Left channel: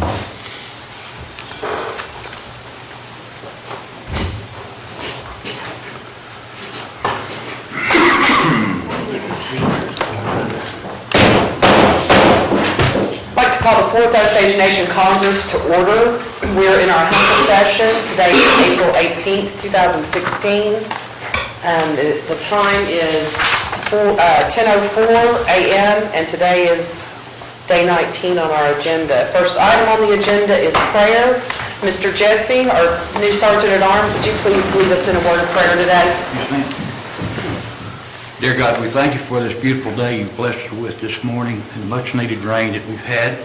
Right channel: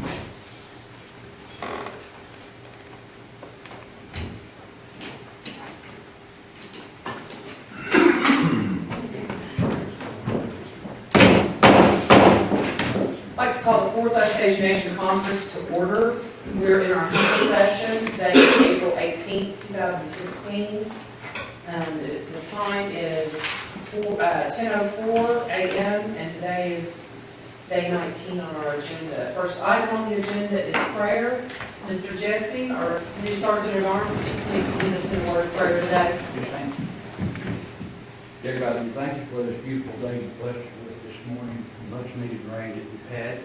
Call the Fourth Osage Nation Congress to order. We're in our HunKah Session. Today is April 18th, 2016. The time is 10:04 a.m. and today is day 19 on our agenda. First item on the agenda is prayer. Mr. Jesse, our new Sergeant at Arms, would you please lead us in a word of prayer today? Yes, ma'am. Dear God, we thank you for this beautiful day you blessed us with this morning and much needed rain that we've had.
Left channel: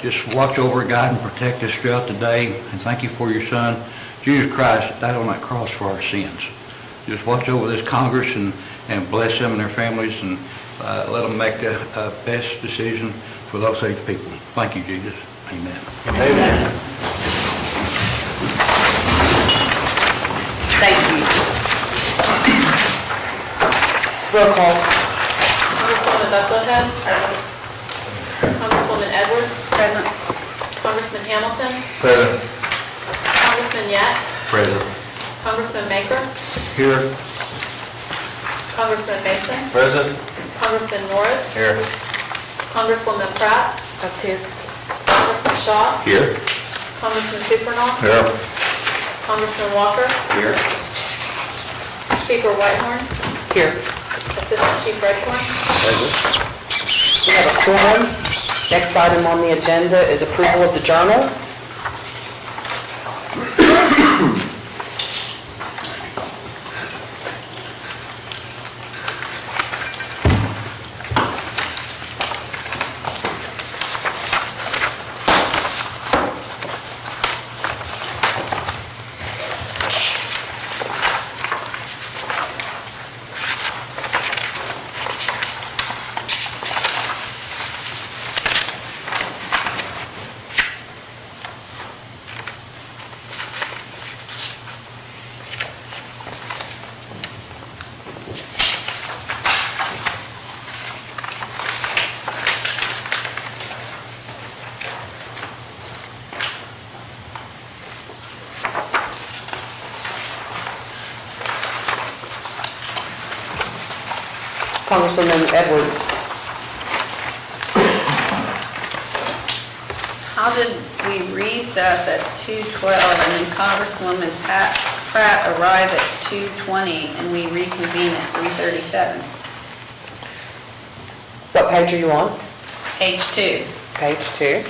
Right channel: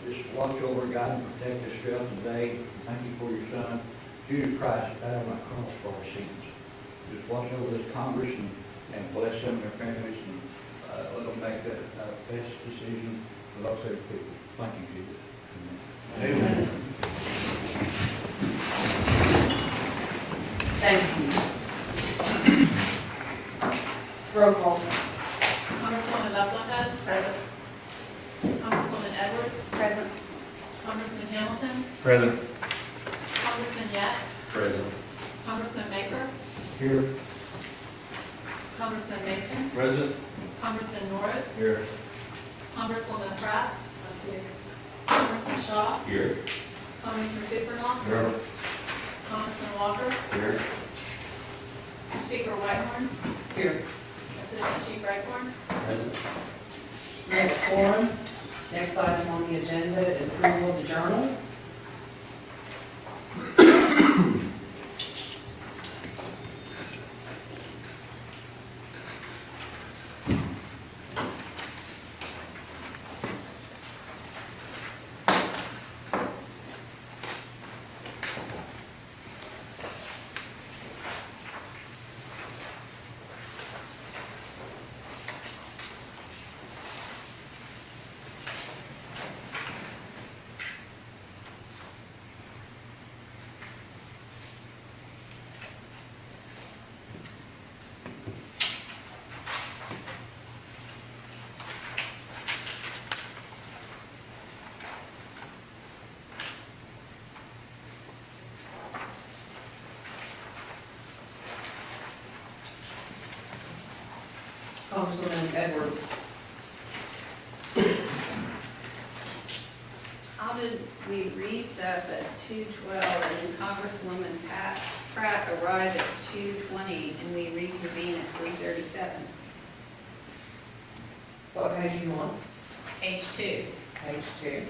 Just watch over, guide, and protect us throughout the day. And thank you for your Son, Jesus Christ, that died on that cross for our sins. Just watch over this Congress and bless them and their families and let them make the best decision for the Osage people. Thank you, Jesus. Amen. Amen. Thank you. Roll call. Congresswoman Buffalohead. Present. Congresswoman Edwards. Present. Congressman Hamilton. Present. Congressman Yett. Present. Congressman Maker. Here. Congressman Mason. Present. Congressman Norris. Here. Congresswoman Pratt. That's here. Congressman Shaw. Here. Congressman Supernaw. Here. Congressman Walker. Here. Speaker Whitehorn. Here. Assistant Chief Redcorn. Present. We have a quorum. Next item on the agenda is approval of the journal. Congresswoman Edwards. How did we recess at 2:12 and then Congresswoman Pratt arrived at 2:20 and we reconvene at 3:37? What page are you on? Page 2. Page 2.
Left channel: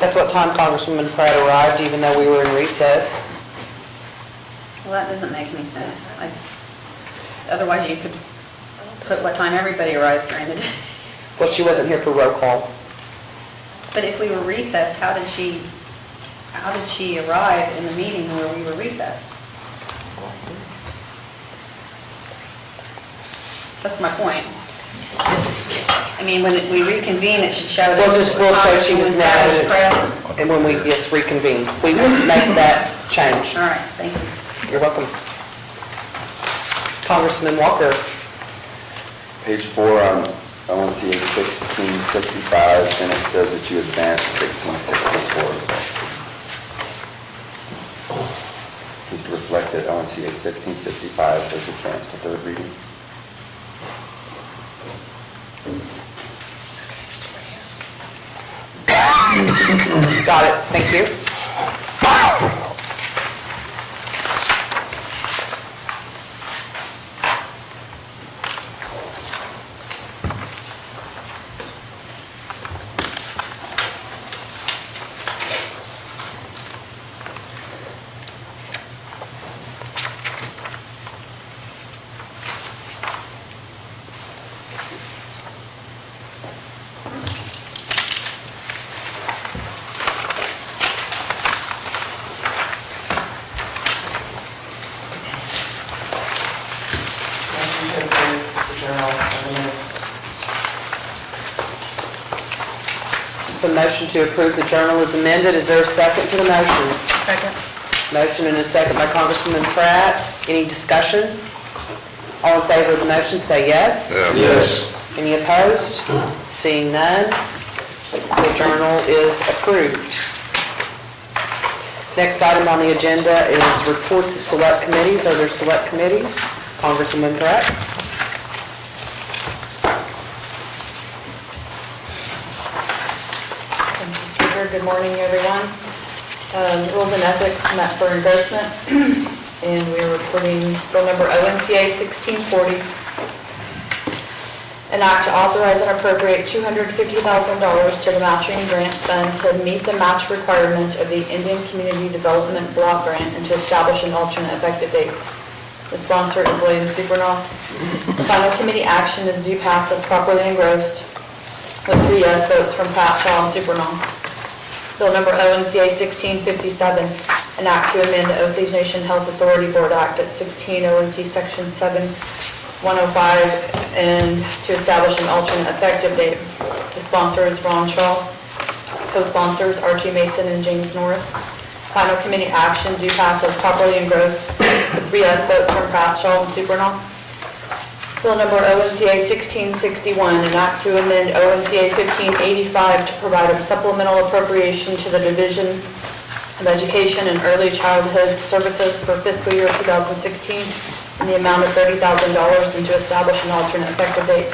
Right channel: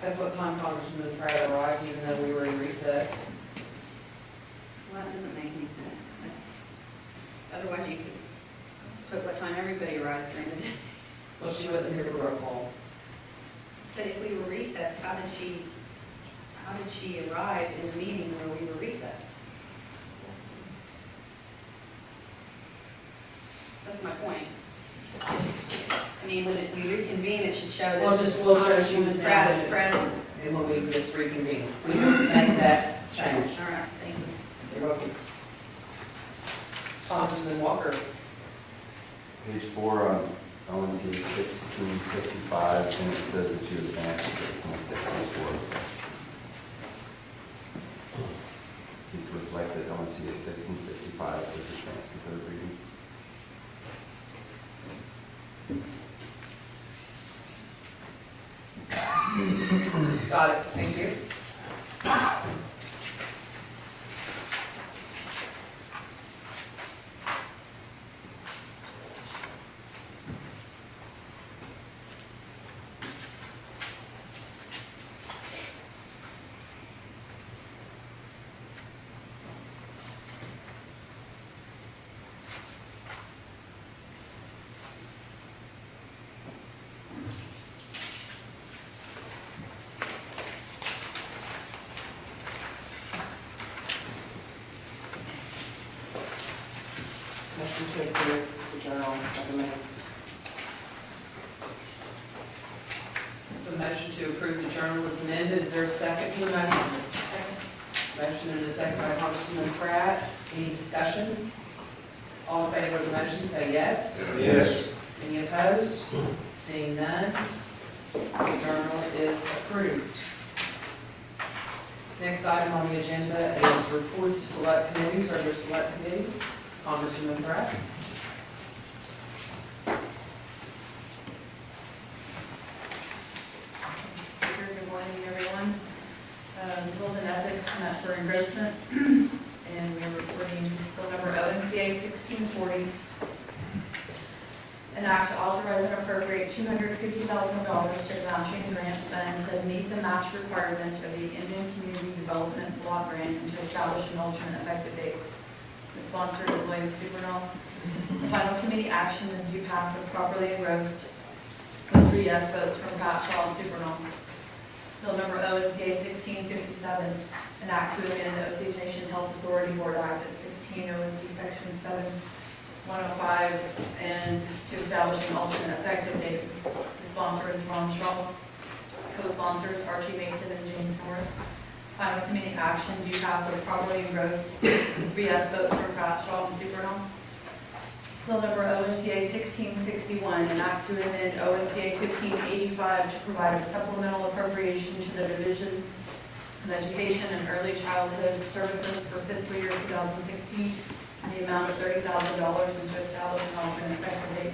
That's what time Congresswoman Pratt arrived, even though we were in recess. Well, that doesn't make any sense. Otherwise, you could put what time everybody arrives during the day. Well, she wasn't here for roll call. But if we were recessed, how did she arrive in the meeting where we were recessed? That's my point. I mean, when we reconvene, it should show that. We'll show she was now, present. and when we just reconvene, we will make that change. All right, thank you. You're welcome. Congressman Walker. Page 4, I want to see in 1665, and it says that you advanced to 1664. Just to reflect it, I want to see in 1665, there's advanced to third reading. Got it, thank you. The motion to approve the journal is amended. Is there a second to the motion? Second. Motion and a second by Congresswoman Pratt. Any discussion? All in favor of the motion, say yes. Yes. Any opposed? Seeing none, the journal is approved. Next item on the agenda is reports of select committees. Are there select committees? Congresswoman Pratt. Thank you, Speaker. Good morning, everyone. Rules and ethics met for endorsement, and we are reporting bill number ONCA 1640. An act to authorize and appropriate $250,000 to the matching grant fund to meet the match requirement of the Indian Community Development Block Grant and to establish an alternate effective date. The sponsor is William Supernaw. The final committee action is due pass as properly engrossed with 3 yes votes from Pratt, Shaw, and Supernaw. Bill number ONCA 1657, an act to amend the Osage Nation Health Authority Board Act at 16 ONC Section 7105 and to establish an alternate effective date. The sponsor is Ron Shaw. Co-sponsors Archie Mason and James Norris. Final committee action due pass as properly engrossed with 3 yes votes from Pratt, Shaw, and Supernaw. Bill number ONCA 1661, an act to amend ONCA 1585 to provide a supplemental appropriation to the Division of Education and Early Childhood Services for fiscal year 2016 in the amount of $30,000 and to establish an alternate effective date.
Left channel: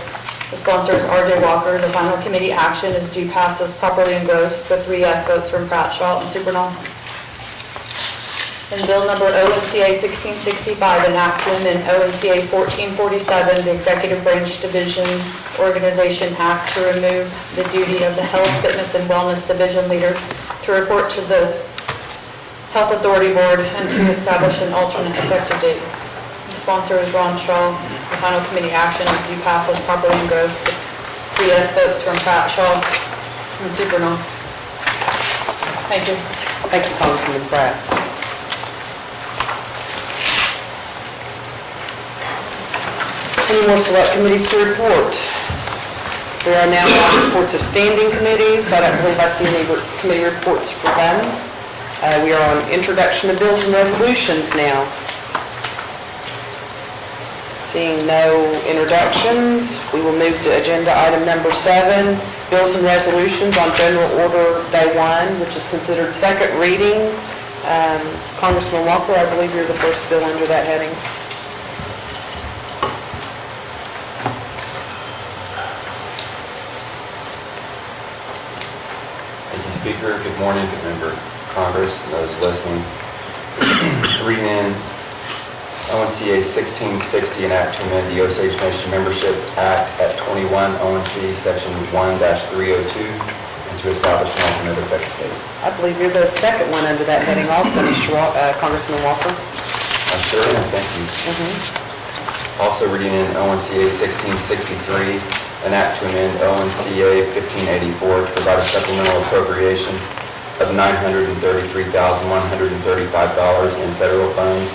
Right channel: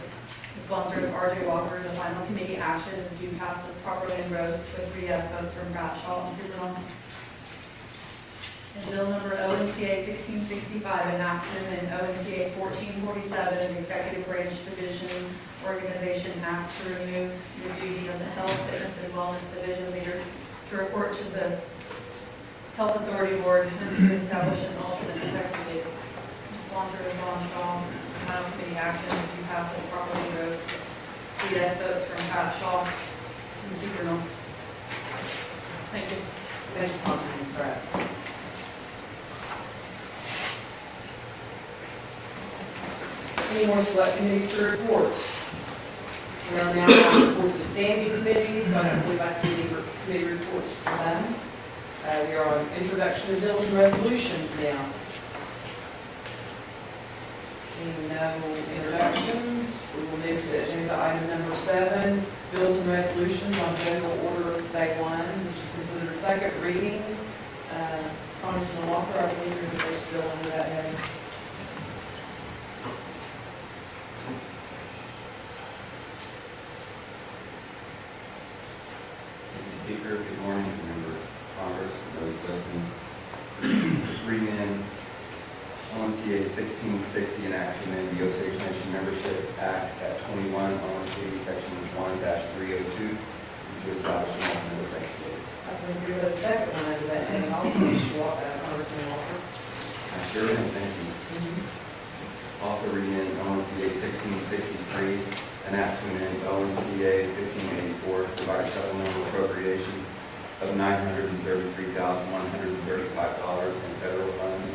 The sponsor is R.J. Walker. The final committee action is due pass as properly engrossed with 3 yes votes from Pratt, Shaw, and Supernaw. And bill number ONCA 1665, an act to amend ONCA 1447, the Executive Branch Division Organization Act to remove the duty of the Health, Fitness, and Wellness Division Leader to report to the Health Authority Board and to establish an alternate effective date. The sponsor is Ron Shaw. The final committee action is due pass as properly engrossed with 3 yes votes from Pratt, Shaw, and Supernaw. Thank you. Thank you, Congresswoman Pratt. Any more select committees to report? There are now reports of standing committees. I don't believe I see any committee reports for them. We are on introduction of bills and resolutions now. Seeing no introductions, we will move to agenda item number 7, bills and resolutions on general order day 1, which is considered second reading. Congressman Walker, I believe you're the first bill under that heading. Speaker, good morning to member Congress and those listening. Reading in ONCA 1660, an act to amend the Osage Nation Membership Act at 21 ONC Section 1-302 and to establish an alternate effective date. I believe you're the second one under that heading also, Congressman Walker. Sure, thank you. Also reading in ONCA 1663, an act to amend ONCA 1584 to provide a supplemental appropriation of $933,135 in federal funds,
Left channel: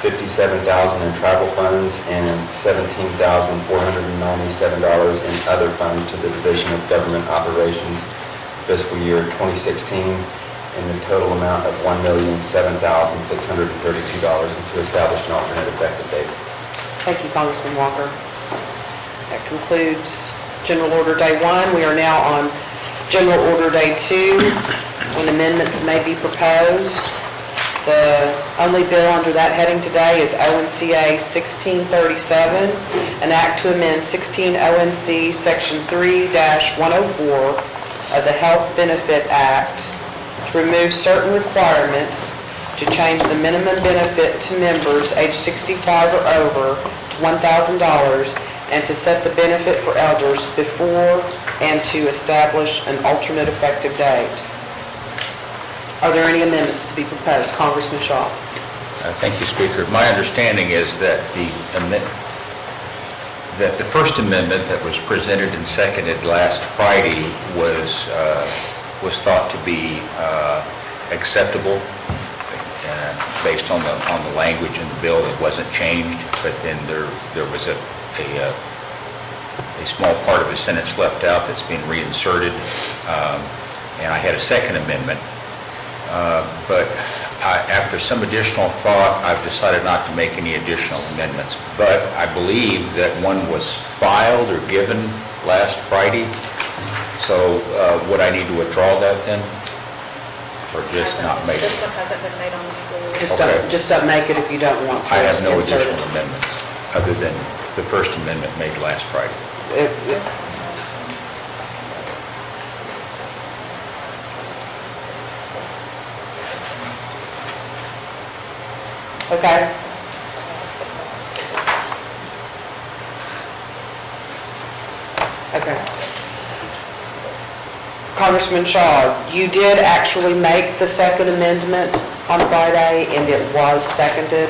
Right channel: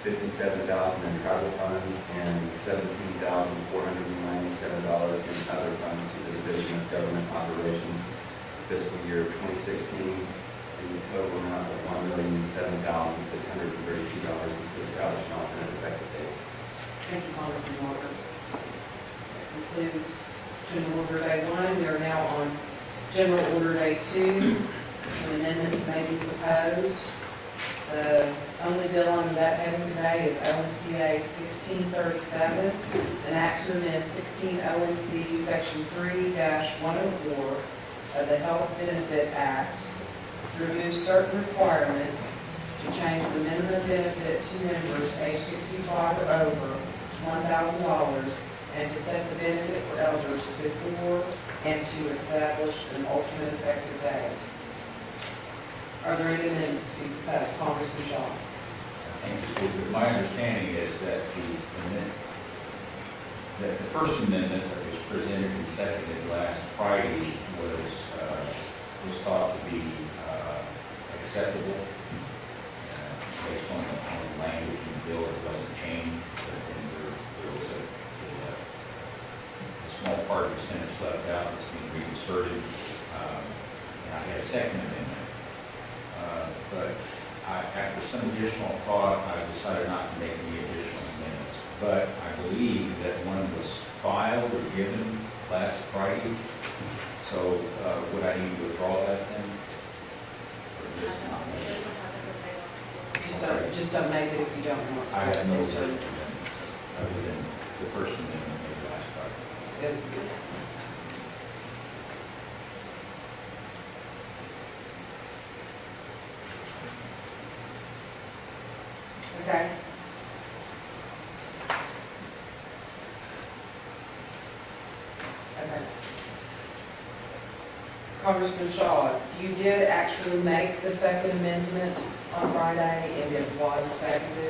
$57,000 in travel funds, and $17,497 in other funds to the Division of Government Operations fiscal year 2016 in the total amount of $1,007,632 and to establish an alternate effective date. Thank you, Congressman Walker. That concludes General Order Day 1. We are now on General Order Day 2, when amendments may be proposed. The only bill under that heading today is ONCA 1637, an act to amend 16 ONC Section 3-104 of the Health Benefit Act to remove certain requirements to change the minimum benefit to members age 65 or over to $1,000 and to set the benefit for elders before and to establish an alternate effective date. Are there any amendments to be proposed? Congressman Shaw. Thank you, Speaker. My understanding is that the first amendment that was presented and seconded last Friday was thought to be acceptable based on the language in the bill. It wasn't changed, but then there was a small part of a sentence left out that's being reinserted. and I had a second amendment. But after some additional thought, I've decided not to make any additional amendments. But I believe that one was filed or given last Friday. So would I need to withdraw that then? Or just not make This it? one hasn't been made on the floor. Just don't make it if you don't want to. I have no insert it. additional amendments other than the first amendment made last Friday. Okay. Okay. Congressman Shaw, you did actually make the second amendment on Friday, and it was seconded.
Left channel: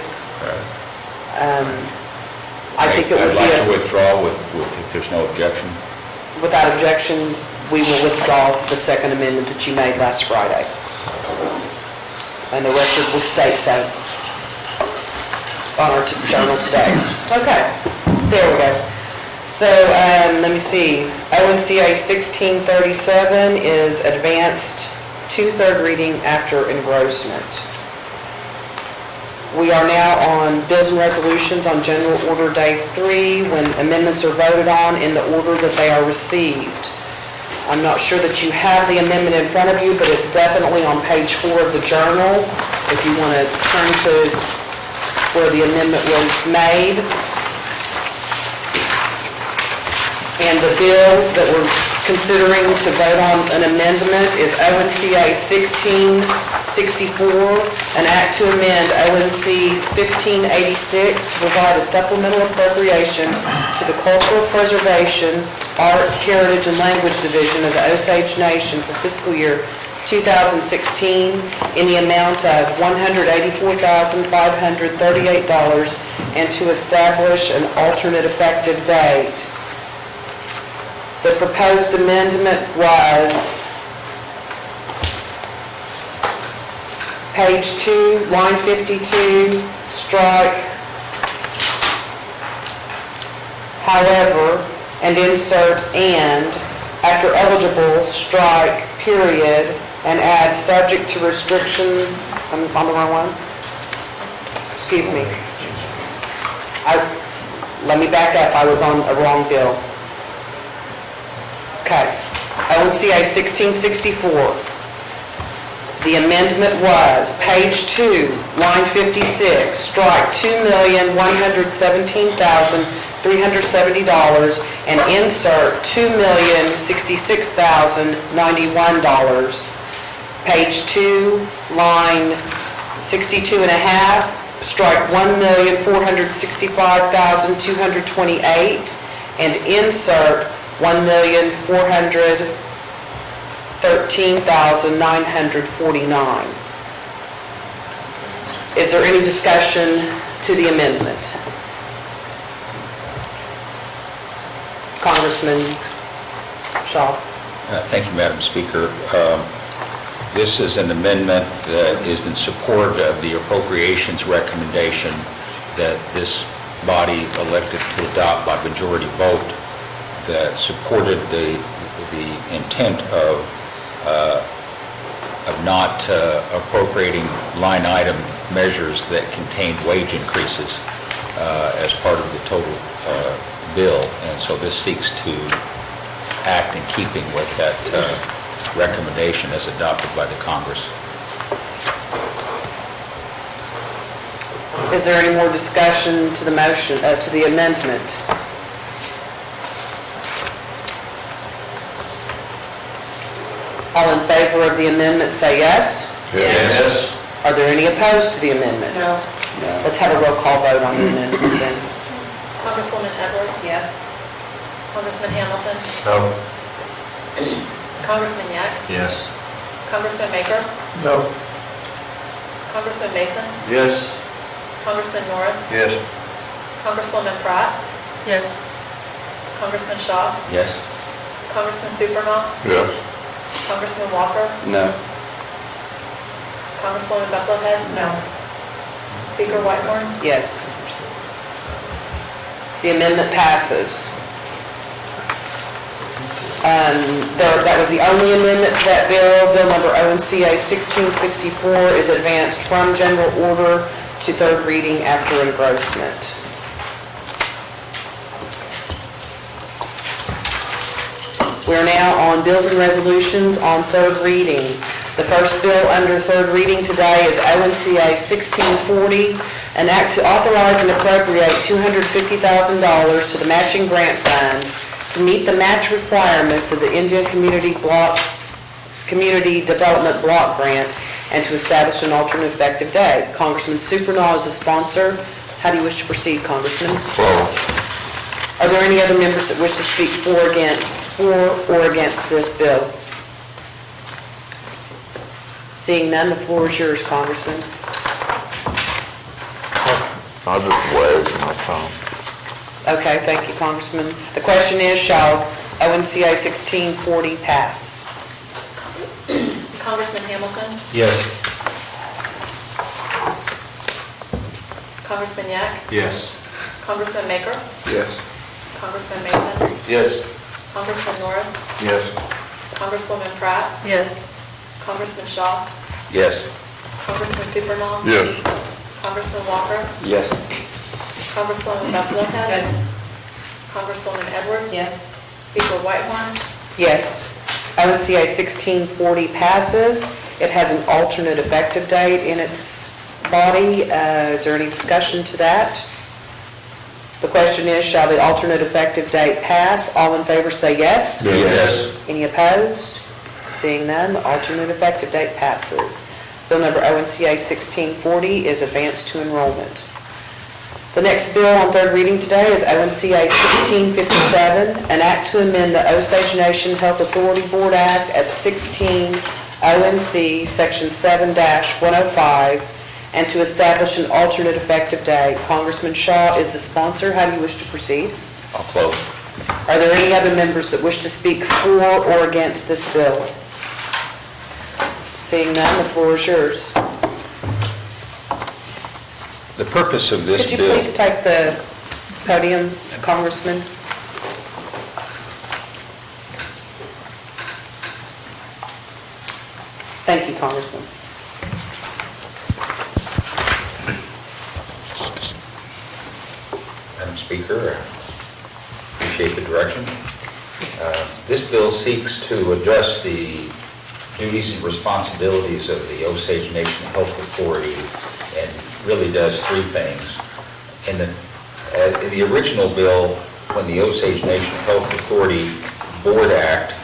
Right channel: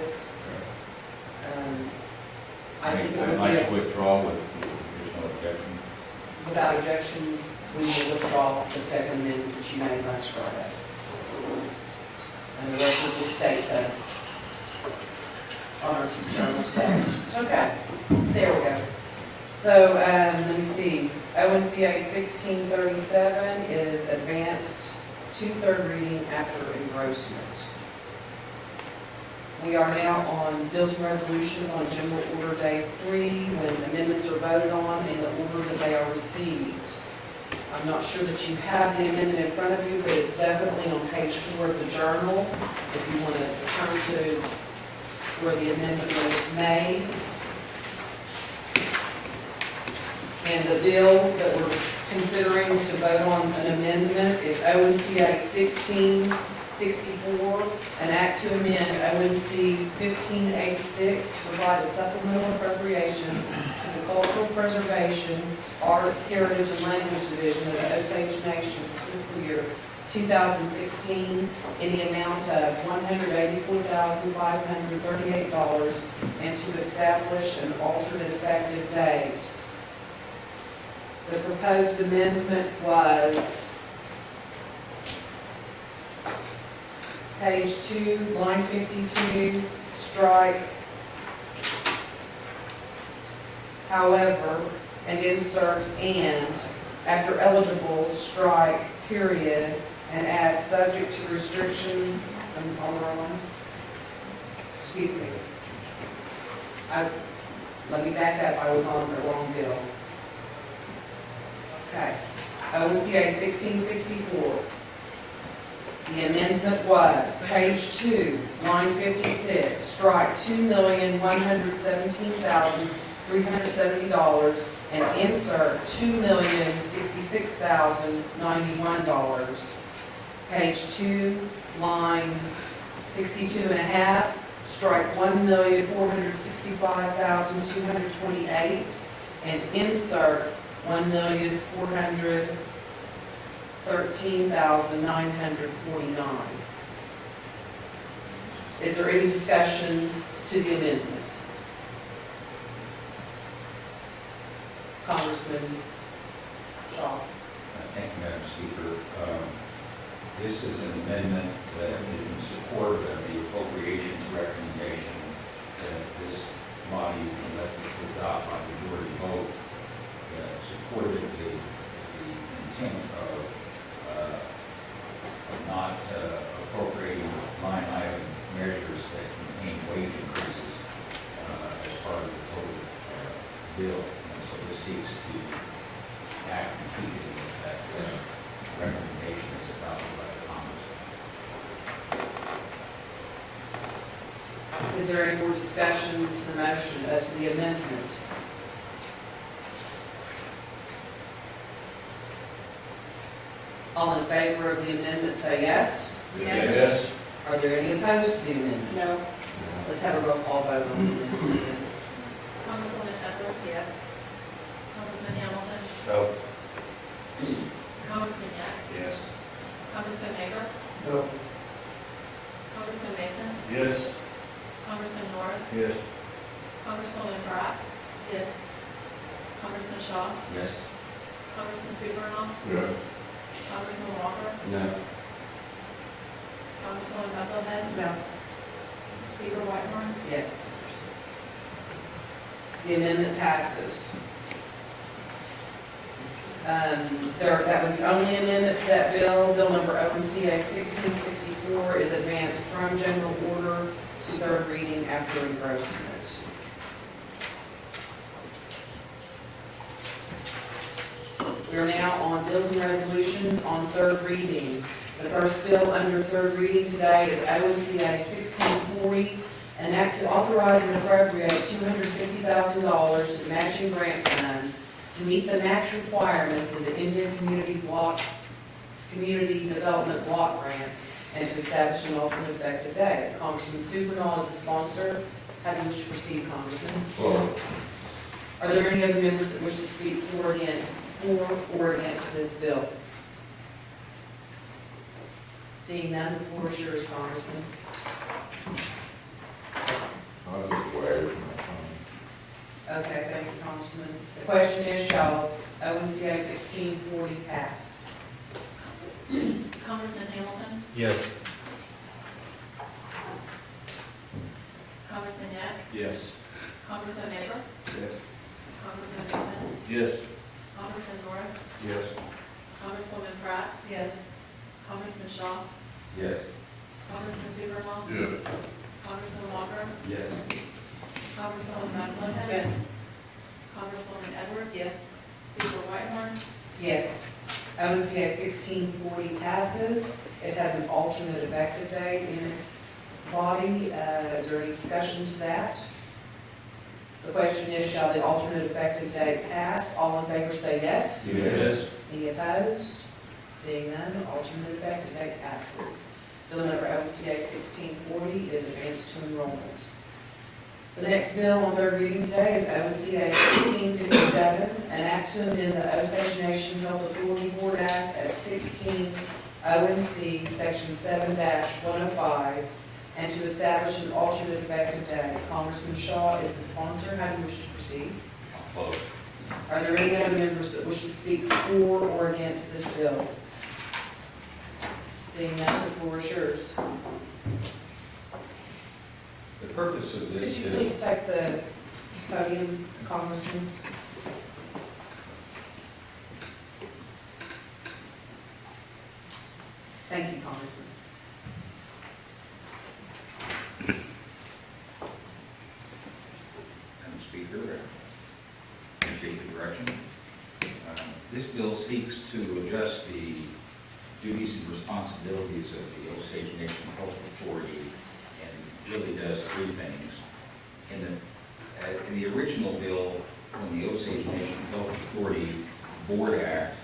I think it would I'd like to be, withdraw with, if there's no objection. without objection, we will withdraw the second amendment that you made last Friday. And the record will state so. On our journal stays. Okay, there we go. So, let me see. ONCA 1637 is advanced to third reading after engrossment. We are now on bills and resolutions on General Order Day 3, when amendments are voted on in the order that they are received. I'm not sure that you have the amendment in front of you, but it's definitely on page 4 of the journal, if you want to turn to where the amendment was made. And the bill that we're considering to vote on an amendment is ONCA 1664, an act to amend ONC 1586 to provide a supplemental appropriation to the Cultural Preservation, Arts, Heritage, and Language Division of the Osage Nation for fiscal year 2016 in the amount of $184,538 and to establish an alternate effective date. The proposed amendment was page 2, line 52, strike, however, and insert and, after eligible, strike, period, and add subject to restriction. I'm on the wrong one? Excuse me. Let me back up, I was on a wrong bill. Okay, ONCA 1664. The amendment was page 2, line 56, strike $2,117,370 and insert $2,066,091. Page 2, line 62 and a half, strike $1,465,228 and insert $1,413,949. Is there any discussion to the amendment? Congressman Shaw. Thank you, Madam Speaker. This is an amendment that is in support of the appropriations recommendation that this body elected to adopt by majority vote, that supported the intent of not appropriating line item measures that contain wage increases as part of the total bill. And so this seeks to act in keeping with that recommendation as adopted by the Congress. Is there any more discussion to the motion, to the amendment? All in favor of the amendment say yes. Yes. Are there any opposed to the amendment? No. Let's have a roll call vote on the amendment then. Congresswoman Edwards? Yes. Congressman Hamilton? No. Congressman Yak? Yes. Congressman Maker? No. Congressman Mason? Yes. Congressman Norris? Yes. Congresswoman Pratt? Yes. Congressman Shaw? Yes? Congressman Supernaw? Yes. Congressman Walker? No. Congresswoman Buffalohead? No. Speaker Whitehorn? Yes. The amendment passes. That was the only amendment to that bill. Bill number ONCA 1664 is advanced from general order to third reading after engrossment. We are now on bills and resolutions on third reading. The first bill under third reading today is ONCA 1640, an act to authorize and appropriate $250,000 to the matching grant fund to meet the match requirements of the Indian Community Development Block Grant and to establish an alternate effective date. Congressman Supernaw is the sponsor. How do you wish to proceed, Congressman? Are there any other members that wish to speak for or against this bill? Seeing none, the floor is yours, Congressman. I'll just wave my phone. Okay, thank you, Congressman. The question is, shall ONCA 1640 pass? Congressman Hamilton, Yes. Congressman Yak, Yes. Congressman Maker, Yes. Congressman Mason, Yes. Congressman Norris, Yes. Congresswoman Pratt, Yes. Congressman Shaw, Yes. Congressman Supernaw, Yes. Congressman Walker, Yes. Congresswoman Buffalohead. Yes. Congresswoman Edwards. Yes. Speaker Whitehorn. Yes. ONCA 1640 passes. It has an alternate effective date in its body. Is there any discussion to that? The question is, shall the alternate effective date pass? All in favor say yes. Yes. Any opposed? Seeing none, the alternate effective date passes. Bill number ONCA 1640 is advanced to enrollment. The next bill on third reading today is ONCA 1657, an act to amend the Osage Nation Health Authority Board Act at 16 ONC Section 7-105 and to establish an alternate effective date. Congressman Shaw is the sponsor. How do you wish to proceed? I'll close. Are there any other members that wish to speak for or against this bill? Seeing none, the floor is yours. The purpose of this Could you bill... please take the podium, Congressman? Thank you, Congressman. Madam Speaker, I appreciate the direction. This bill seeks to address the duties and responsibilities of the Osage Nation Health Authority and really does three things. In the original bill, when the Osage Nation Health Authority Board Act,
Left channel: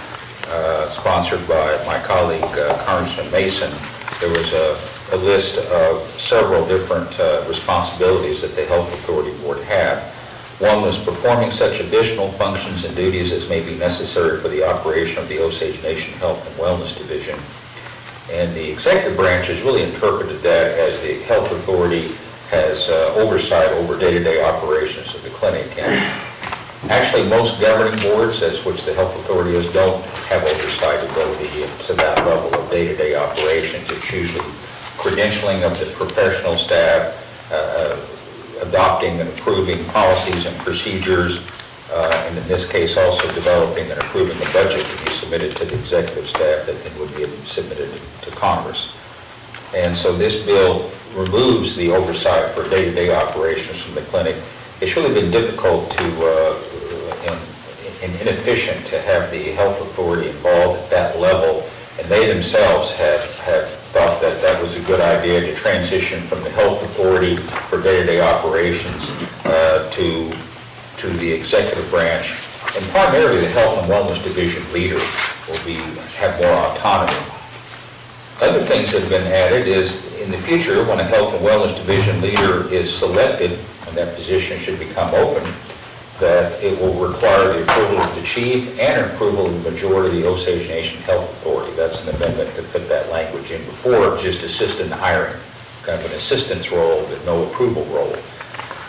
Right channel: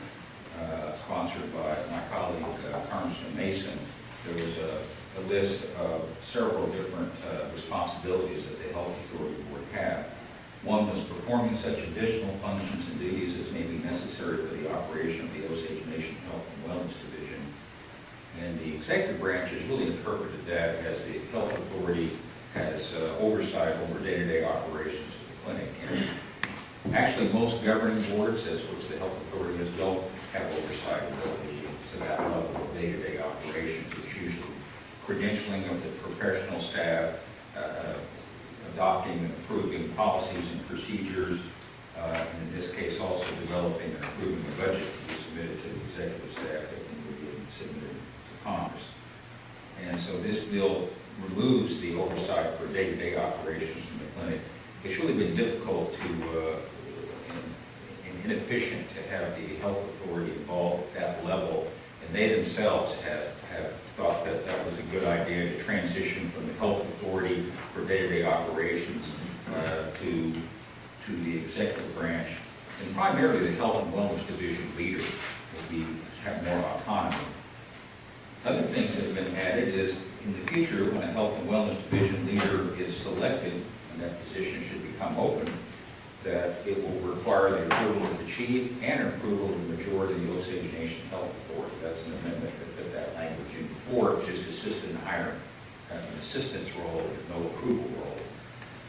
sponsored by my colleague Congressman Mason, there was a list of several different responsibilities that the Health Authority Board had. One was performing such additional functions and duties as may be necessary for the operation of the Osage Nation Health and Wellness Division. And the executive branch has really interpreted that as the Health Authority has oversight over day-to-day operations of the clinic. And actually, most governing boards, as which the Health Authority is, don't have oversight ability to that level of day-to-day operations. It's usually credentialing of the professional staff, adopting and approving policies and procedures, and in this case also developing and approving the budget to be submitted to the executive staff that then would be submitted to Congress. And so this bill removes the oversight for day-to-day operations from the clinic. It's really been difficult and inefficient to have the health authority involved at that level, and they themselves had thought that that was a good idea to transition from the health authority for day-to-day operations to the executive branch, and primarily the health and wellness division leader will have more autonomy. Other things that have been added is in the future, when a health and wellness division leader is selected, and that position should become open, that it will require the approval of the chief and approval of the majority of the Osage Nation Health Authority. That's an amendment to put that language in. Before, it was just assistant hiring, kind of an assistant's role, but no approval role.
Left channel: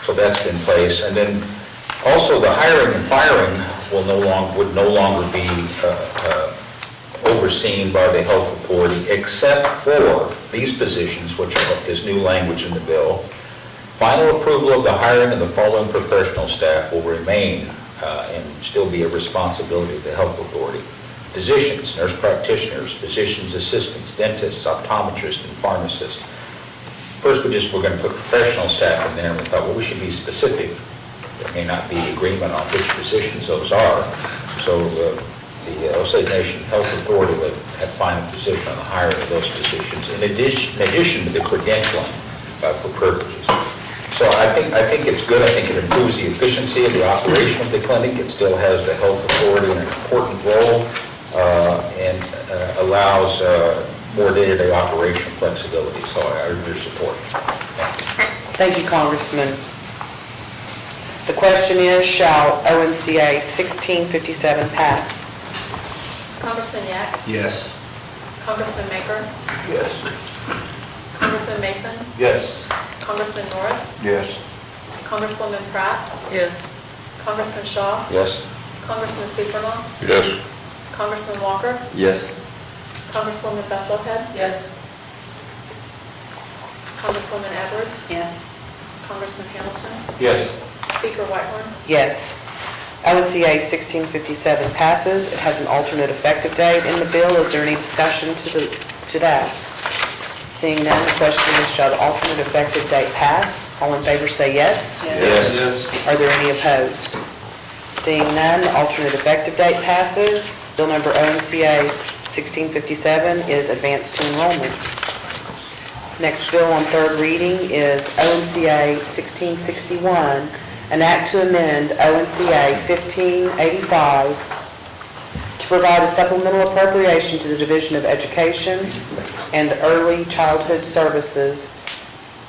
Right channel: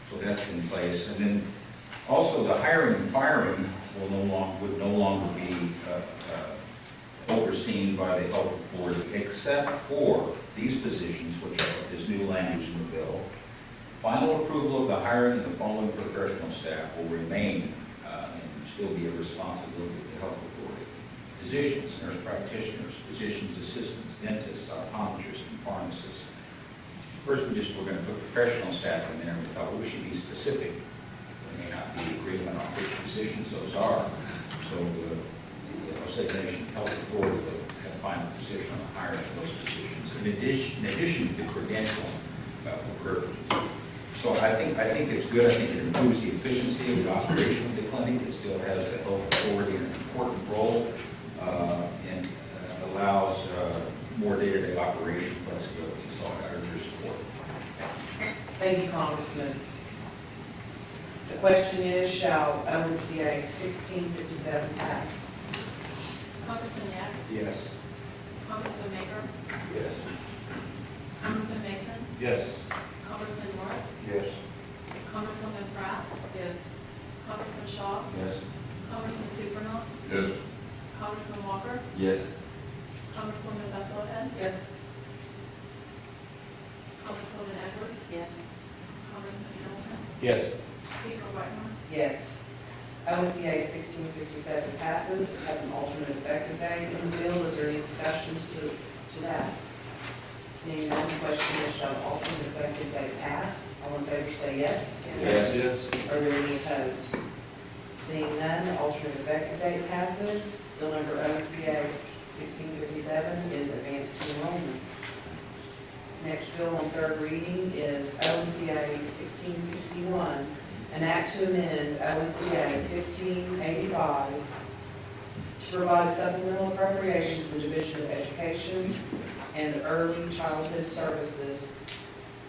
So that's been placed. And then also the hiring and firing would no longer be overseen by the health authority, except for these positions, which is new language in the bill. Final approval of the hiring of the following professional staff will remain and still be a responsibility of the health authority. Physicians, nurse practitioners, physician's assistants, dentists, optometrists, and pharmacists. First, we're going to put professional staff in there, and we thought, well, we should be specific. There may not be agreement on which positions those are. So the Osage Nation Health Authority would have final position on the hiring of those positions, in addition to the credentialing for privileges. So I think it's good. I think it improves the efficiency of the operation of the clinic. It still has the health authority in an important role and allows more day-to-day operation flexibility. So I urge your support. Thank you. Thank you, Congressman. The question is, shall ONCA 1657 pass? Congressman Yak, Yes. Congressman Maker, Yes. Congressman Mason, Yes. Congressman Norris, Yes. Congresswoman Pratt, Yes. Congressman Shaw, Yes? Congressman Supernaw, Yes. Congressman Walker, Yes. Congresswoman Buffalohead, Yes. Congresswoman Edwards, Yes. Congressman Hamilton, Yes. Speaker Whitehorn. Yes. ONCA 1657 passes. It has an alternate effective date in the bill. Is there any discussion to that? Seeing none, the question is, shall the alternate effective date pass? All in favor say yes. Yes. Are there any opposed? Seeing none, the alternate effective date passes. Bill number ONCA 1657 is advanced to enrollment. Next bill on third reading is ONCA 1661, an act to amend ONCA 1585 to provide a supplemental appropriation to the Division of Education and Early Childhood Services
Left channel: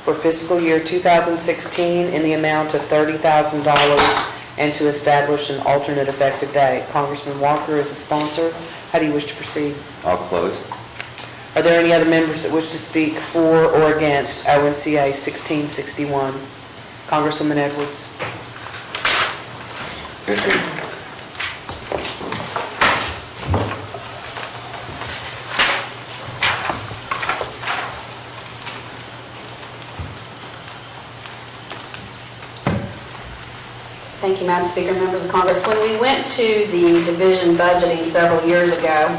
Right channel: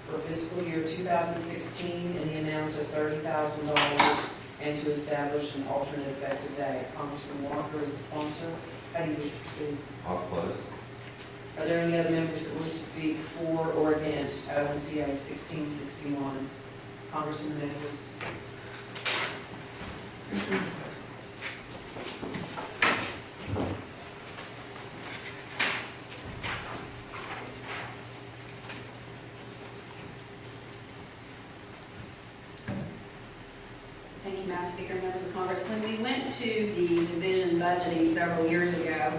for fiscal year 2016 in the amount of $30,000 and to establish an alternate effective date. Congressman Walker is the sponsor. How do you wish to proceed? I'll close. Are there any other members that wish to speak for or against ONCA 1661? Congresswoman Edwards. Thank you, Madam Speaker, members of Congress. When we went to the division budgeting several years ago,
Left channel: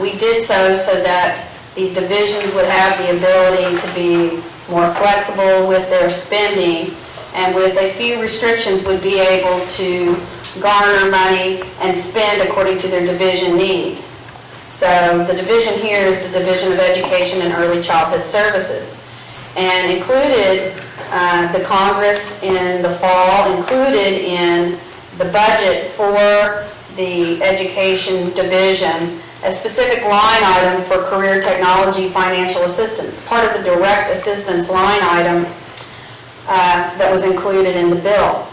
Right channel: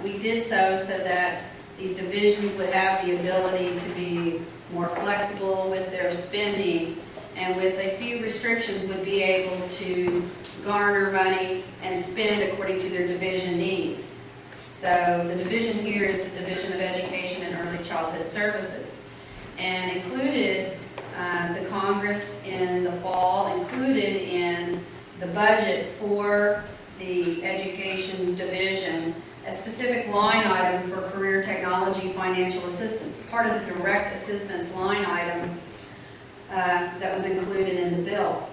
we did so that these divisions would have the ability to be more flexible with their spending and with a few restrictions would be able to garner money and spend according to their division needs. So the division here is the Division of Education and Early Childhood Services. And included, the Congress in the fall included in the budget for the Education Division a specific line item for career technology financial assistance, part of the direct assistance line item that was included in the bill.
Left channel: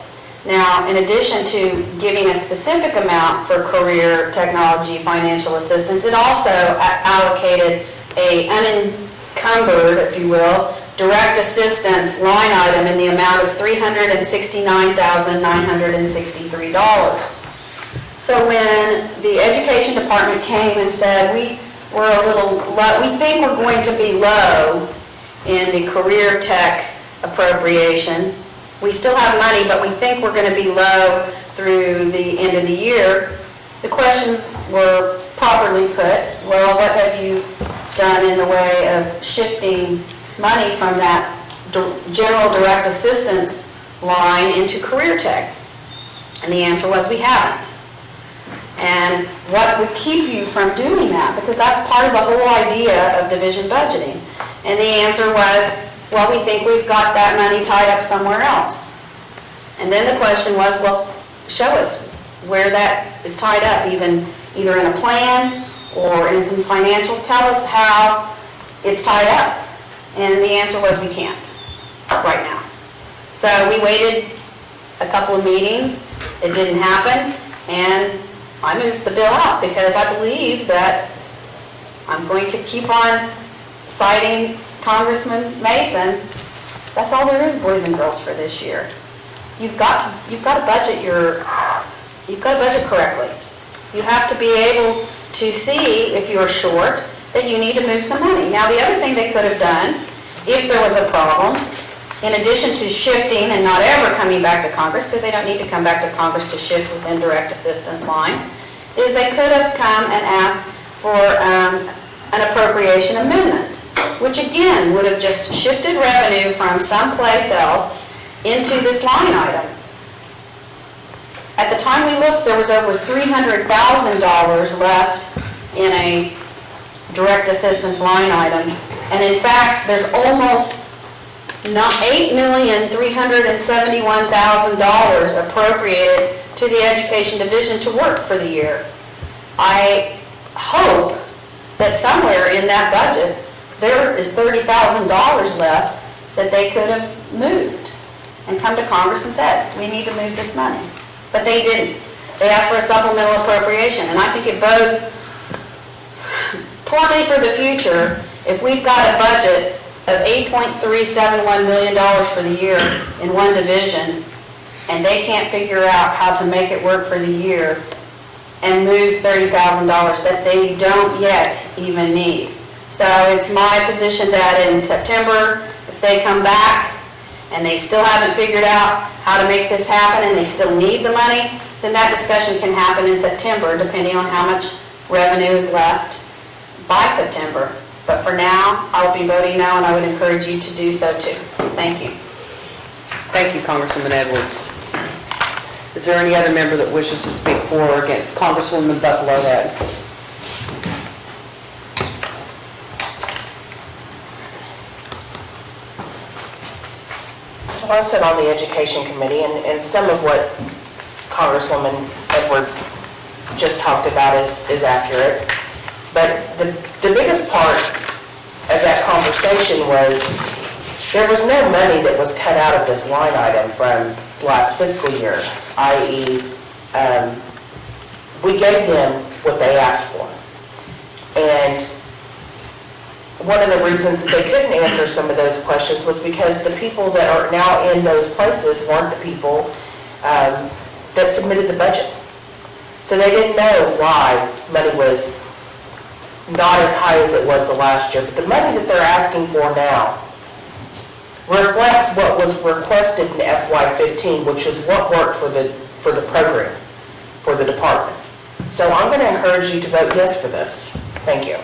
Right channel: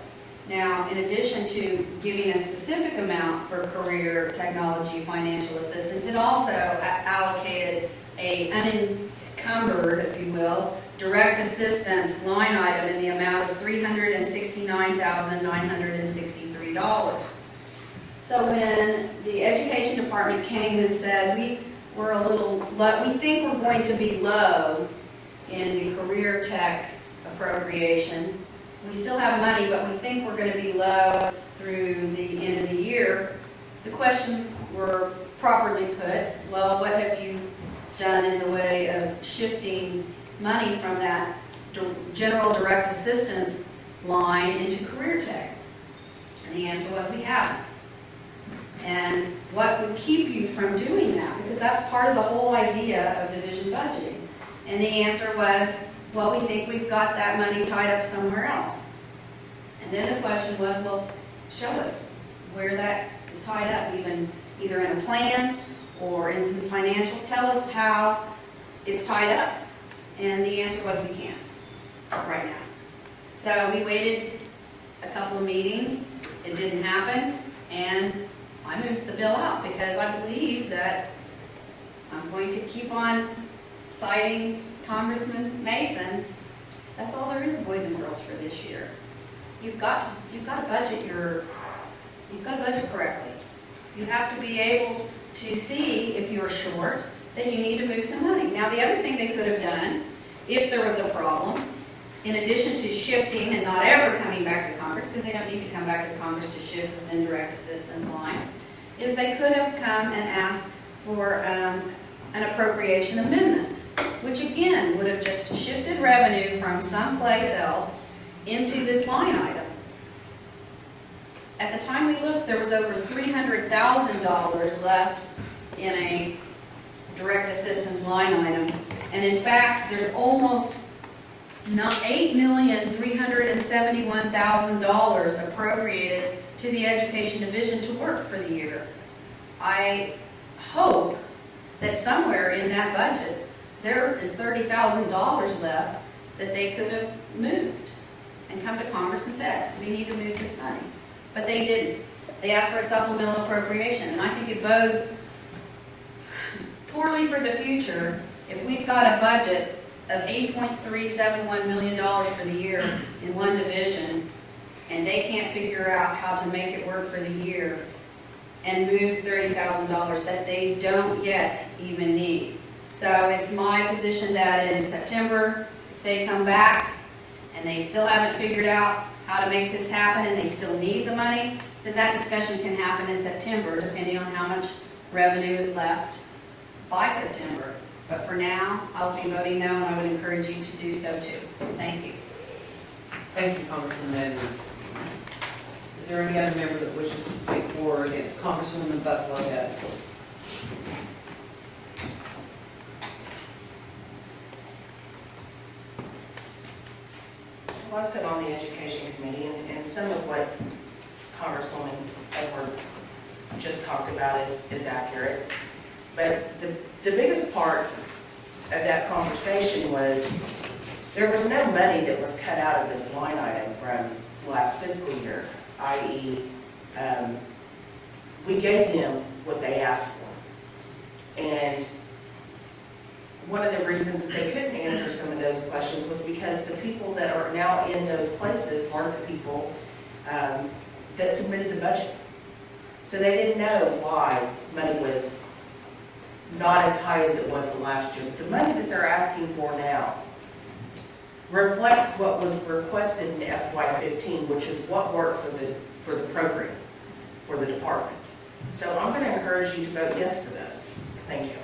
Now, in addition to giving a specific amount for career technology financial assistance, it also allocated a unencumbered, if you will, direct assistance line item in the amount of $369,963. So when the Education Department came and said, we think we're going to be low in the career tech appropriation, we still have money, but we think we're going to be low through the end of the year, the questions were properly put. Well, what have you done in the way of shifting money from that general direct assistance line into career tech? And the answer was, we haven't. And what would keep you from doing that? Because that's part of the whole idea of division budgeting. And the answer was, well, we think we've got that money tied up somewhere else. And then the question was, well, show us where that is tied up, either in a plan or in some financials. Tell us how it's tied up. And the answer was, we can't right now. So we waited a couple of meetings. It didn't happen. And I moved the bill out because I believe that I'm going to keep on citing Congressman Mason. That's all there is, boys and girls, for this year. You've got to budget correctly. You have to be able to see if you're short that you need to move some money. Now, the other thing they could have done, if there was a problem, in addition to shifting and not ever coming back to Congress, because they don't need to come back to Congress to shift within direct assistance line, is they could have come and asked for an appropriation amendment, which again would have just shifted revenue from someplace else into this line item. At the time we looked, there was over $300,000 left in a direct assistance line item. And in fact, there's almost $8,371,000 appropriated to the Education Division to work for the year. I hope that somewhere in that budget, there is $30,000 left that they could have moved and come to Congress and said, we need to move this money. But they didn't. They asked for a supplemental appropriation, and I think it bodes poorly for the future if we've got a budget of $8.371 million for the year in one division, and they can't figure out how to make it work for the year and move $30,000 that they don't yet even need. So it's my position that in September, if they come back and they still haven't figured out how to make this happen and they still need the money, then that discussion can happen in September, depending on how much revenue is left by September. But for now, I will be voting no, and I would encourage you to do so too. Thank you. Thank you, Congresswoman Edwards. Is there any other member that wishes to speak for or against Congresswoman Buffalohead? Well, I sit on the Education Committee, and some of what Congresswoman Edwards just talked about is accurate. But the biggest part of that conversation was there was no money that was cut out of this line item from last fiscal year, i.e., we gave them what they asked for. And one of the reasons that they couldn't answer some of those questions was because the people that are now in those places weren't the people that submitted the budget. So they didn't know why money was not as high as it was the last year. But the money that they're asking for now reflects what was requested in FY15, which is what worked for the program, for the department. So I'm going to encourage you to vote yes for this. Thank you.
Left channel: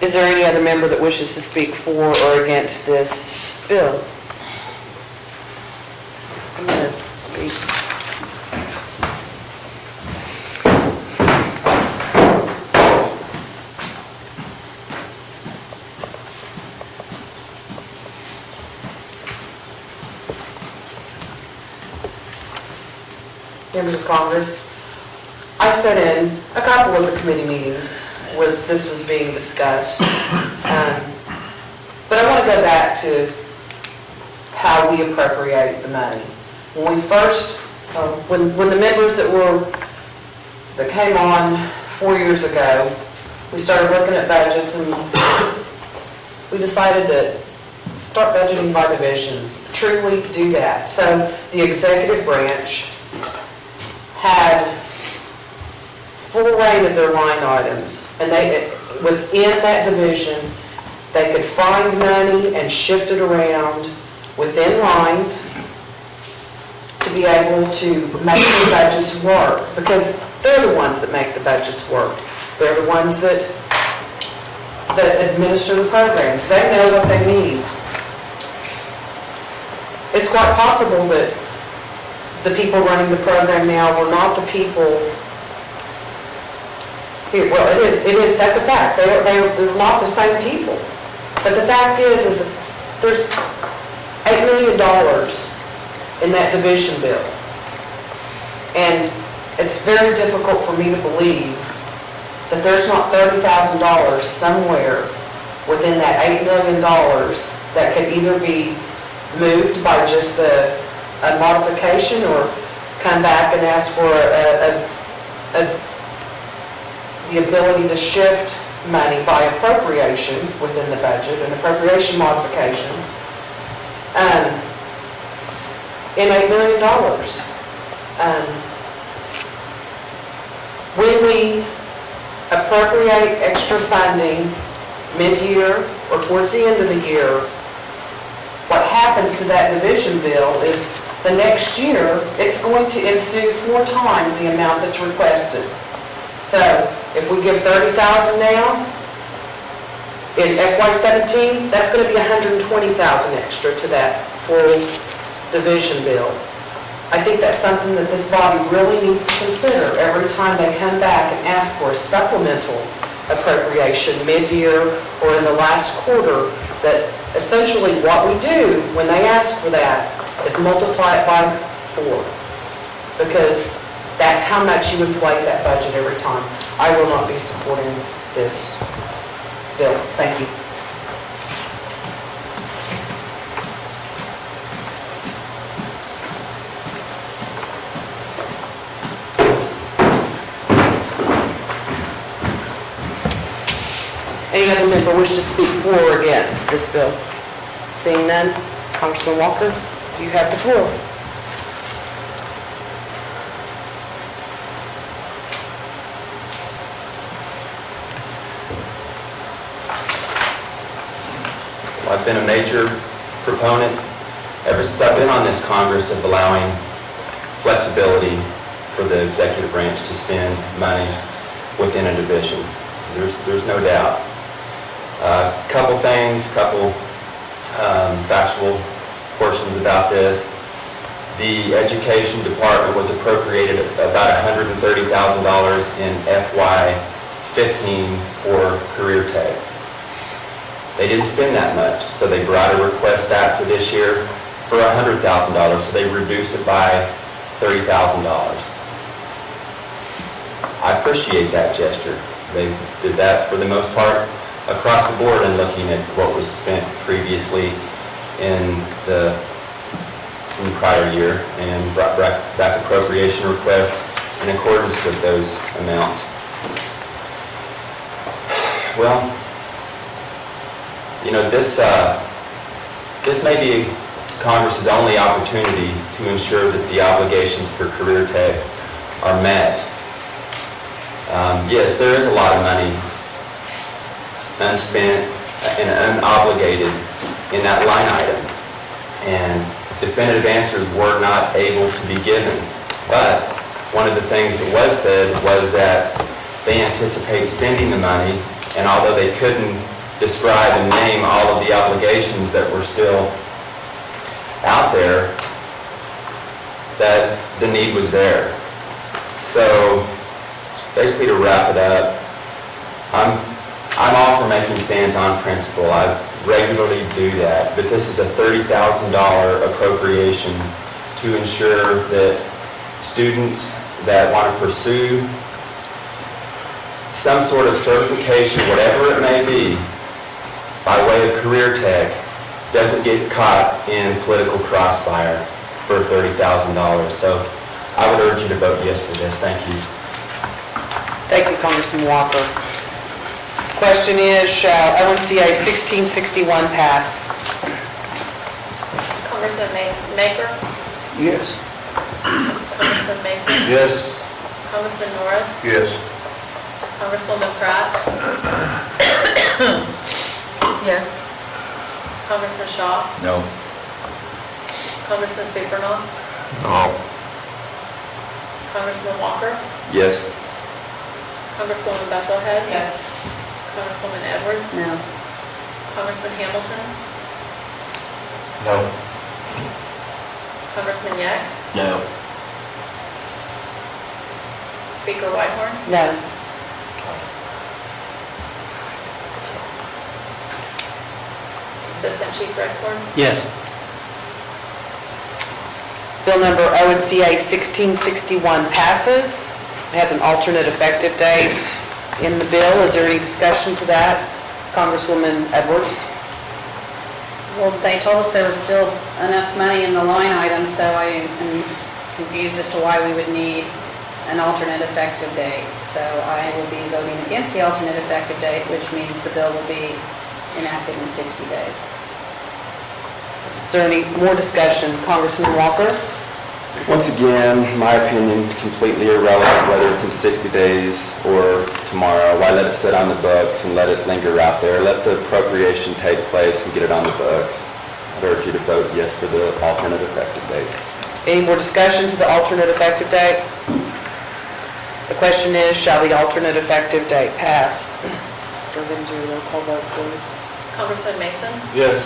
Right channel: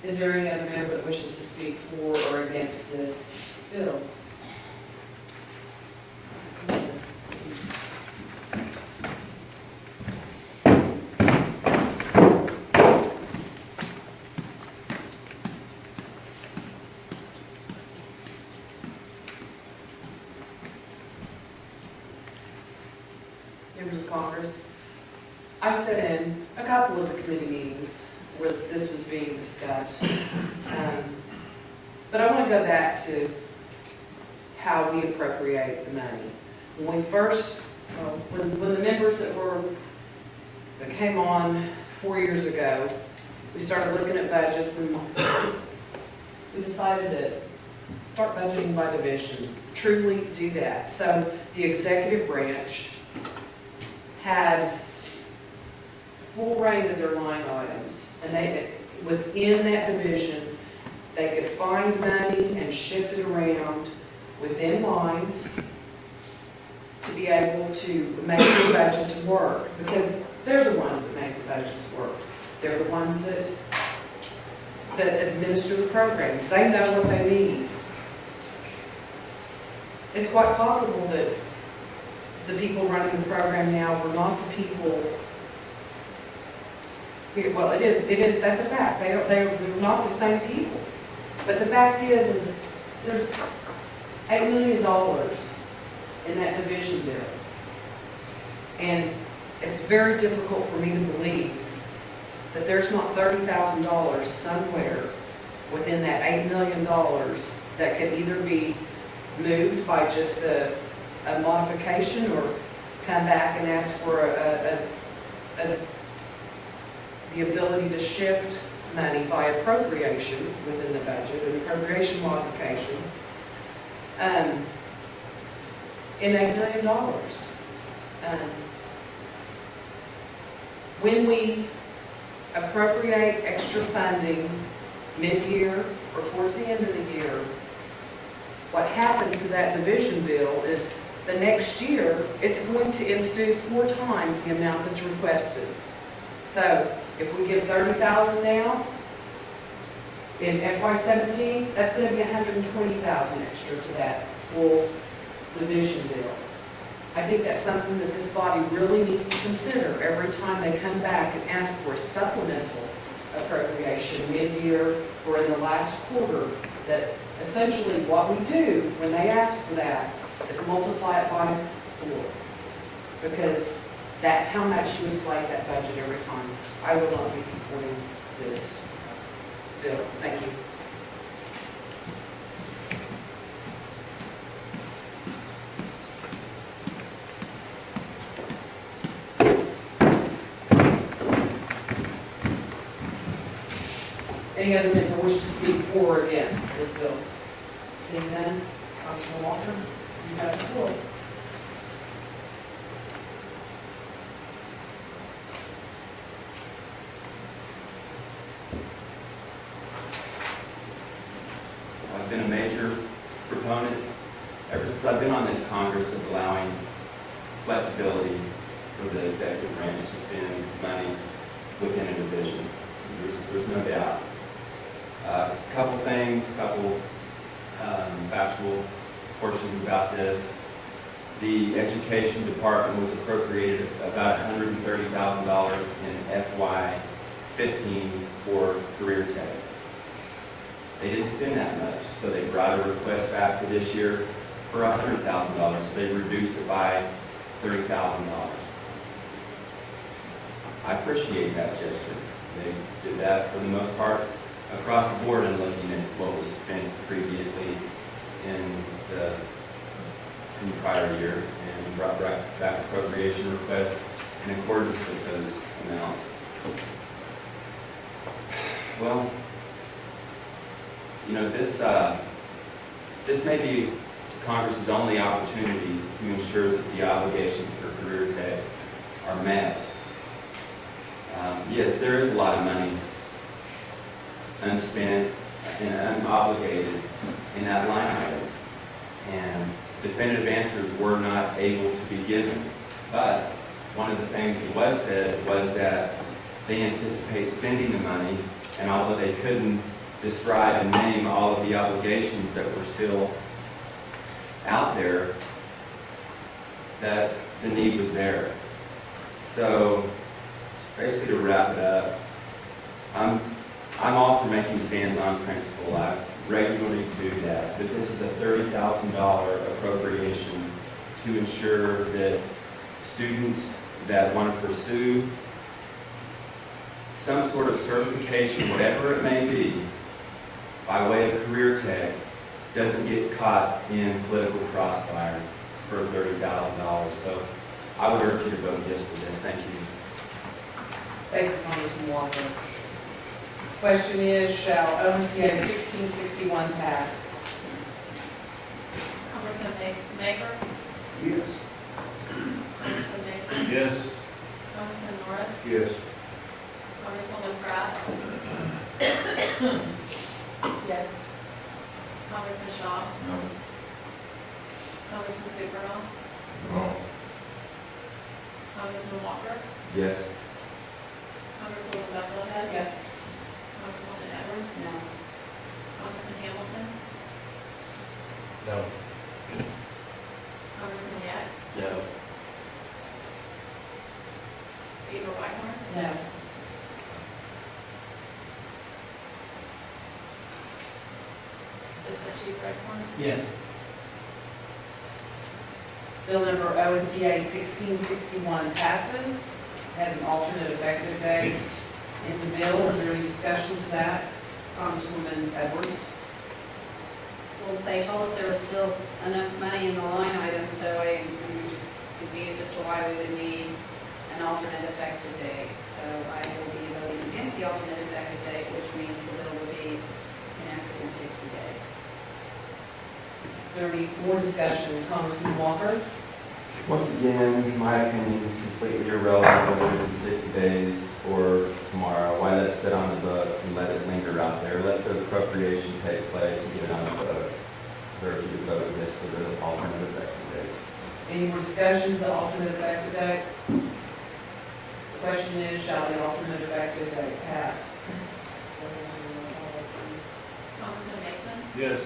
Is there any other member that wishes to speak for or against this bill? I'm going to speak. Members of Congress, I sat in a couple of the committee meetings where this was being discussed. But I want to go back to how we appropriate the money. When we first, when the members that came on 4 years ago, we started looking at budgets and we decided to start budgeting by divisions, truly do that. So the executive branch had full reign of their line items, and they, within that division, they could find money and shift it around within lines to be able to make the budgets work, because they're the ones that make the budgets work. They're the ones that administer the programs. They know what they need. It's quite possible that the people running the program now were not the people here. Well, it is, that's a fact. They're not the same people. But the fact is there's $8 million in that division bill. And it's very difficult for me to believe that there's not $30,000 somewhere within that $8 million that could either be moved by just a modification or come back and ask for the ability to shift money by appropriation within the budget, an appropriation modification, in $8 million. When we appropriate extra funding mid-year or towards the end of the year, what happens to that division bill is the next year, it's going to ensue 4 times the amount that's requested. So if we give 30,000 now, in FY17, that's going to be 120,000 extra to that full division bill. I think that's something that this body really needs to consider every time they come back and ask for a supplemental appropriation mid-year or in the last quarter, that essentially what we do when they ask for that is multiply it by 4, because that's how much you inflate that budget every time. I will not be supporting this bill. Thank you. Any other member wish to speak for or against this bill? Seeing none, Congressman Walker, you have the floor. I've been a major proponent ever since I've been on this Congress of allowing flexibility for the executive branch to spend money within a division. There's no doubt. Couple things, factual portions about this. The education department was appropriated about $130,000 in FY15 for career tech. They didn't spend that much, so they brought a request back for this year for $100,000, so they reduced it by $30,000. I appreciate that gesture. They did that for the most part across the board and looking at what was spent previously in the prior year and brought back appropriation requests in accordance with those amounts. Well, you know, this may be Congress's only opportunity to ensure that the obligations for career tech are met. Yes, there is a lot of money unspent and unobligated in that line item, and definitive answers were not able to be given. But one of the things that was said was that they anticipate spending the money, and although they couldn't describe and name all of the obligations that were still out there, that the need was there. So basically, to wrap it up, I'm all for making stands on principle. I regularly do that, but this is a $30,000 appropriation to ensure that students that want to pursue some sort of certification, whatever it may be, by way of career tech, doesn't get caught in political crossfire for $30,000. So I would urge you to vote yes for this. Thank you. Thank you, Congressman Walker. Question is, shall ONCA 1661 pass? Congressman Maker, Yes. Congressman Mason, Yes. Congressman Norris, Yes. Congresswoman Pratt. Yes. Congressman Shaw, No. Congressman Supernaw, No. Congressman Walker, Yes. Congresswoman Buffalohead. Yes. Congresswoman Edwards. No. Congressman Hamilton, No. Congressman Yak, No. Speaker Whitehorn, No. Assistant Chief Redcorn. Yes. Bill number ONCA 1661 passes. It has an alternate effective date in the bill. Is there any discussion to that? Congresswoman Edwards? Well, they told us there was still enough money in the line item, so I am confused as to why we would need an alternate effective date. So I will be voting against the alternate effective date, which means the bill will be enacted in 60 days. Is there any more discussion? Congressman Walker? Once again, my opinion, completely irrelevant whether it's in 60 days or tomorrow. Why let it sit on the books and let it linger out there? Let the appropriation take place and get it on the books. I'd urge you to vote yes for the alternate effective date. Any more discussion to the alternate effective date? The question is, shall the alternate effective date pass? Go ahead and do a roll call vote, please. Congressman Mason, Yes.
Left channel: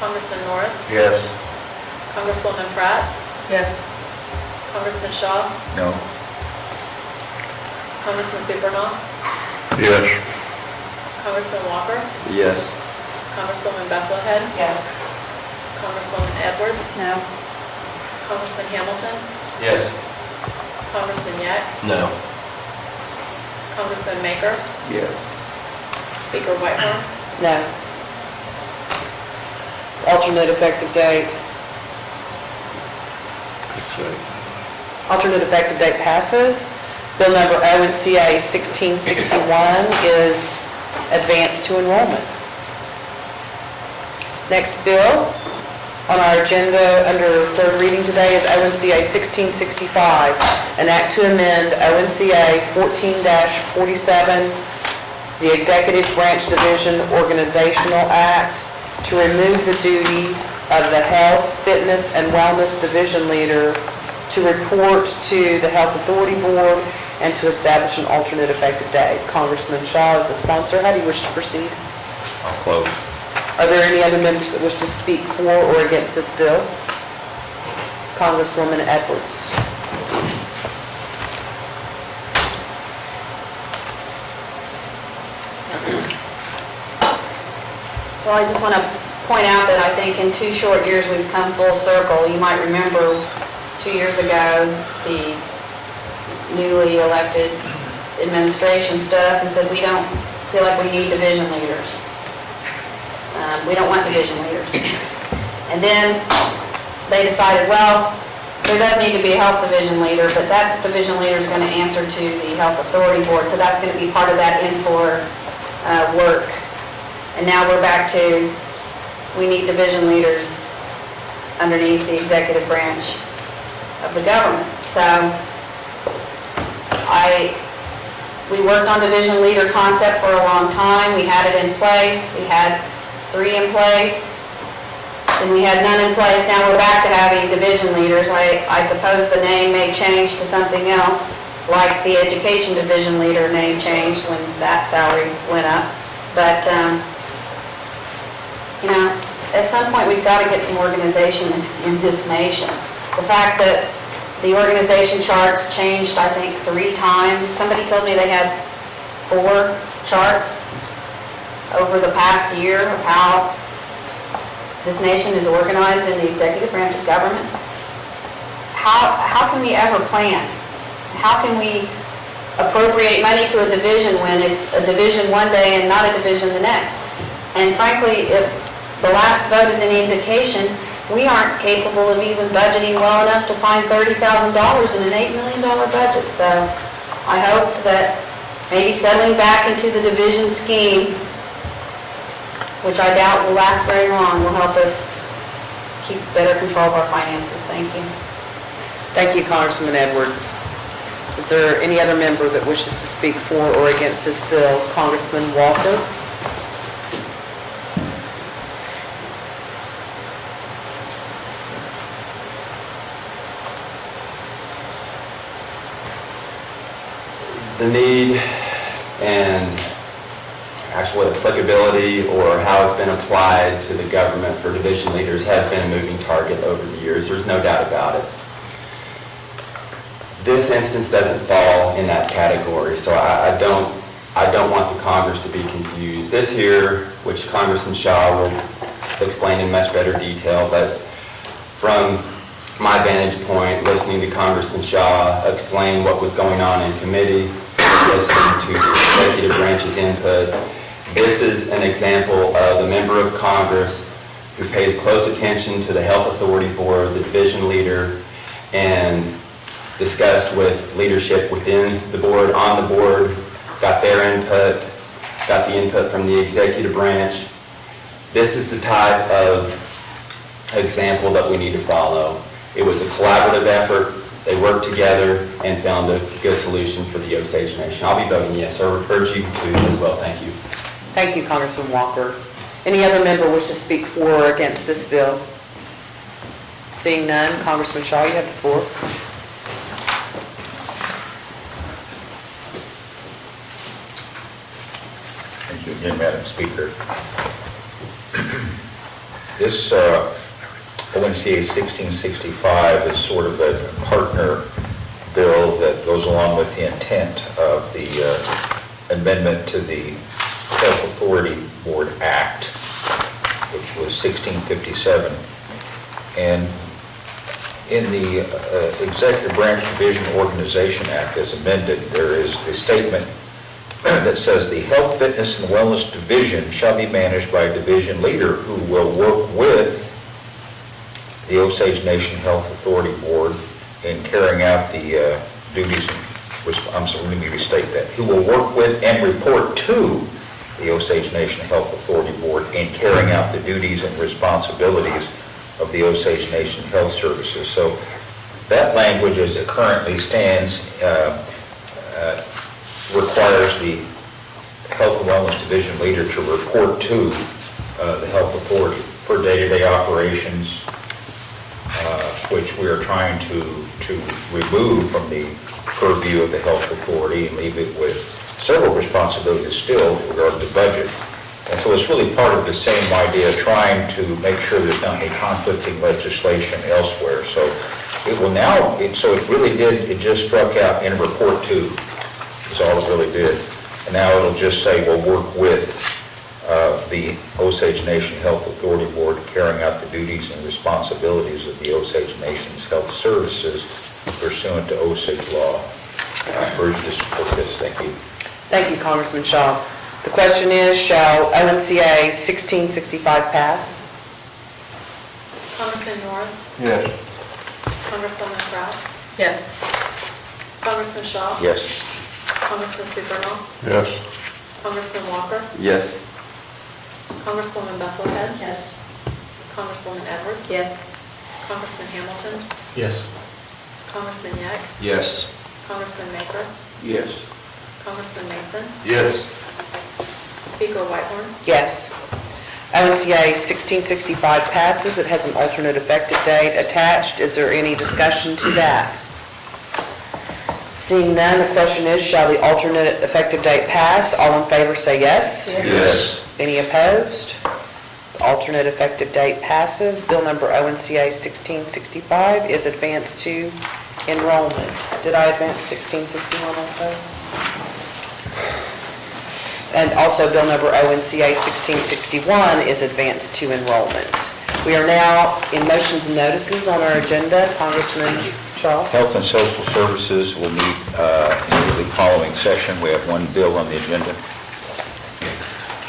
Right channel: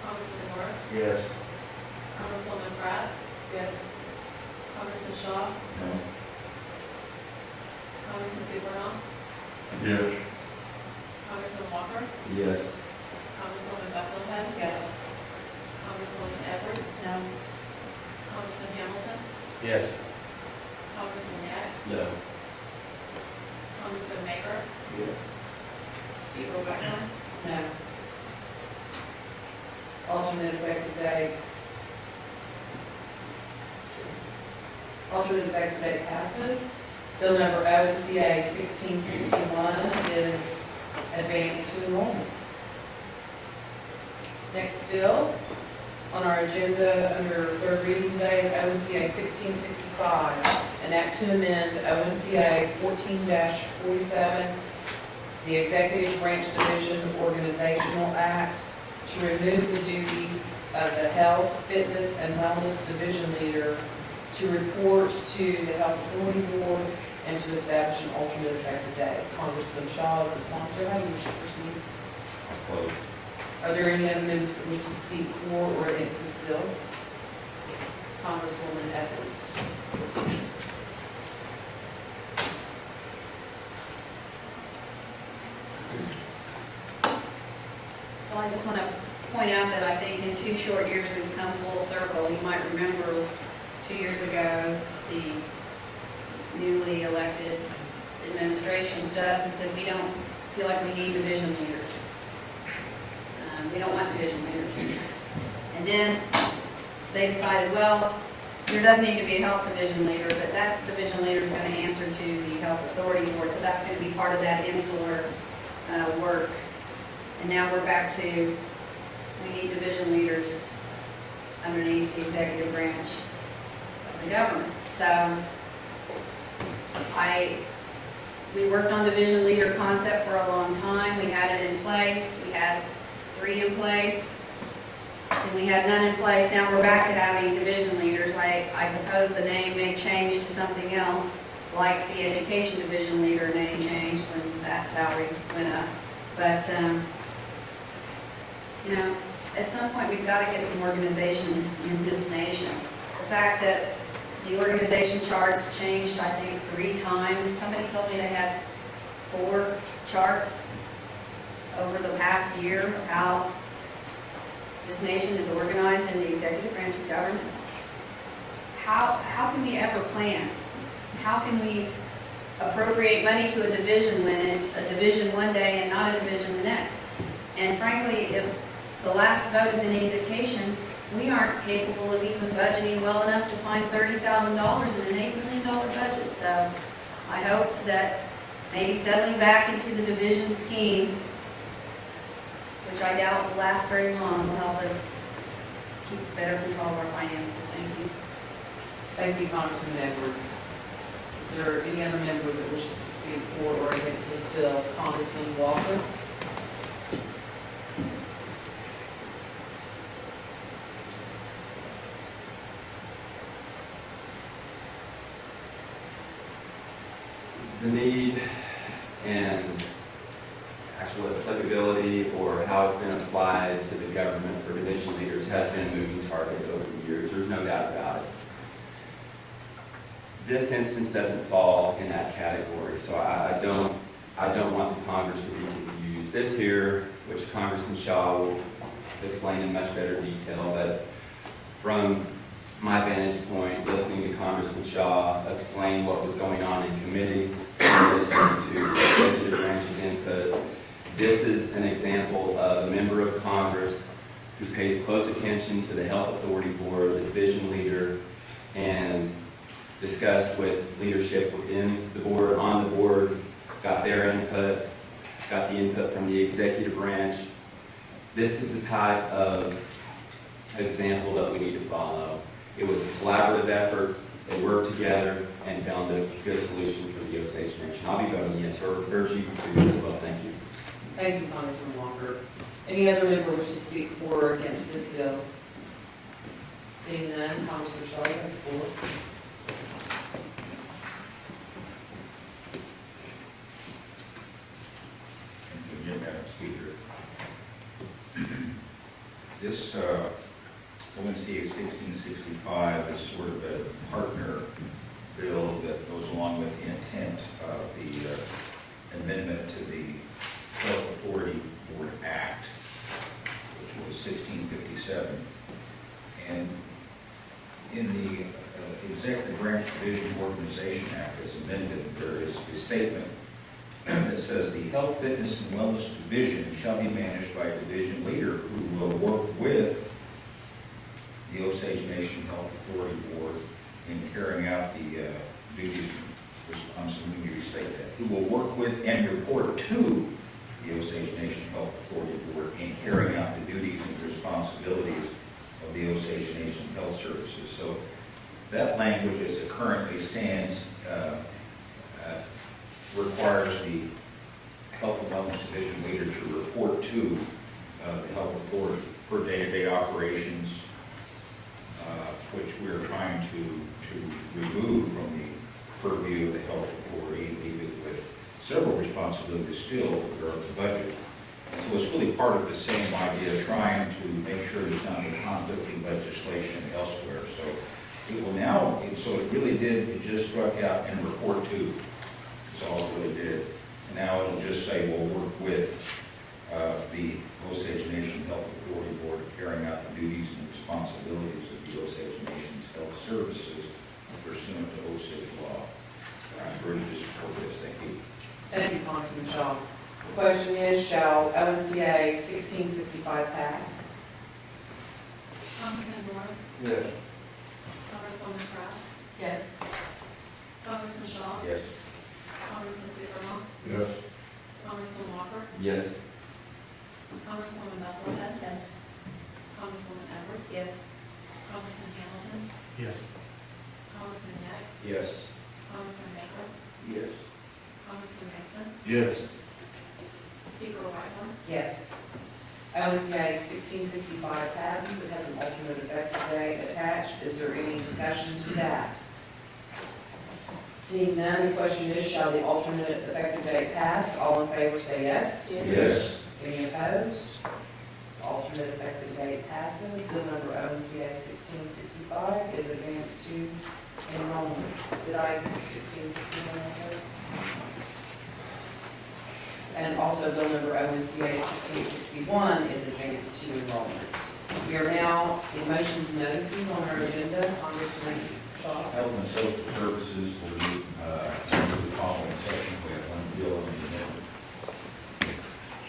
Congressman Norris, Yes. Congresswoman Pratt, Yes. Congressman Shaw, No? Congressman Supernaw, Yes. Congressman Walker, Yes. Congresswoman Buffalohead, Yes. Congresswoman Edwards, No. Congressman Hamilton, Yes. Congressman Yak, No. Congressman Maker, Yes. Speaker Whitehorn, No. Alternate effective date. Alternate effective date passes. Bill number ONCA 1661 is advanced to enrollment. Next bill on our agenda under third reading today is ONCA 1665, an act to amend ONCA 14-47, the Executive Branch Division Organizational Act, to remove the duty of the Health, Fitness, and Wellness Division Leader to report to the Health Authority Board and to establish an alternate effective date. Congressman Shaw is the sponsor. How do you wish to proceed? I'll close. Are there any other members that wish to speak for or against this bill? Congresswoman Edwards. Well, I just want to point out that I think in 2 short years, we've come full circle. You might remember 2 years ago, the newly elected administration stood up and said, we don't feel like we need division leaders. We don't want division leaders. And then they decided, well, there does need to be a health division leader, but that division leader is going to answer to the Health Authority Board, so that's going to be part of that insular work. And now we're back to, we need division leaders underneath the executive branch of the government. So we worked on division leader concept for a long time. We had it in place. We had 3 in place. Then we had none in place. Now we're back to having division leaders. I suppose the name may change to something else, like the education division leader name changed when that salary went up. But, you know, at some point we've got to get some organization in this nation. The fact that the organization charts changed, I think, 3 times. Somebody told me they had 4 charts over the past year of how this nation is organized in the executive branch of government. How can we ever plan? How can we appropriate money to a division when it's a division one day and not a division the next? And frankly, if the last vote is any indication, we aren't capable of even budgeting well enough to find $30,000 in an $8 million budget. So I hope that maybe settling back into the division scheme, which I doubt will last very long, will help us keep better control of our finances. Thank you. Thank you, Congressman Edwards. Is there any other member that wishes to speak for or against this bill? Congressman Walker? The need and actual applicability or how it's been applied to the government for division leaders has been a moving target over the years. There's no doubt about it. This instance doesn't fall in that category, so I don't want the Congress to be confused. This here, which Congressman Shaw will explain in much better detail, but from my vantage point, listening to Congressman Shaw explain what was going on in committee, listening to the executive branch's input, this is an example of a member of Congress who pays close attention to the Health Authority Board, the division leader, and discussed with leadership within the board, on the board, got their input, got the input from the executive branch. This is the type of example that we need to follow. It was a collaborative effort. They worked together and found a good solution for the Osage Nation. I'll be voting yes. I would urge you to as well. Thank you. Thank you, Congressman Walker. Any other member wish to speak for or against this bill? Seeing none, Congressman Shaw, you have the floor. Thank you again, Madam Speaker. This ONCA 1665 is sort of a partner bill that goes along with the intent of the amendment to the Health Authority Board Act, which was 1657. And in the Executive Branch Division Organization Act as amended, there is the statement that says the Health, Fitness, and Wellness Division shall be managed by a division leader who will work with the Osage Nation Health Authority Board in carrying out the duties, I'm sorry, let me restate that, who will work with and report to the Osage Nation Health Authority Board in carrying out the duties and responsibilities of the Osage Nation Health Services. So that language as it currently stands requires the Health and Wellness Division leader to report to the Health Authority for day-to-day operations, which we are trying to remove from the purview of the Health Authority and leave it with several responsibilities still with regard to the budget. And so it's really part of the same idea, trying to make sure there's not any conflicting legislation elsewhere. So it will now, so it really did, it just struck out in report to, is all it really did. And now it'll just say we'll work with the Osage Nation Health Authority Board carrying out the duties and responsibilities of the Osage Nation's health services pursuant to Osage law. I urge you to support this. Thank you. Thank you, Congressman Shaw. The question is, shall ONCA 1665 pass? Congressman Norris? Yes. Congresswoman Pratt? Yes. Congressman Shaw? Yes. Congressman Supernaw? Yes. Congressman Walker? Yes. Congresswoman Buffalohead? Yes. Congresswoman Edwards? Yes. Congressman Hamilton? Yes. Congressman Yeck? Yes. Congressman Maker? Yes. Congressman Mason? Yes. Speaker Whitehorn? Yes. ONCA 1665 passes. It has an alternate effective date attached. Is there any discussion to that? Seeing none, the question is, shall the alternate effective date pass? All in favor say yes. Yes. Any opposed? The alternate effective date passes. Bill number ONCA 1665 is advanced to enrollment. Did I advance 1661 also? And also bill number ONCA 1661 is advanced to enrollment. We are now in motions and notices on our agenda. Congressman Shaw. Health and Social Services will meet immediately following session. We have one bill on the agenda.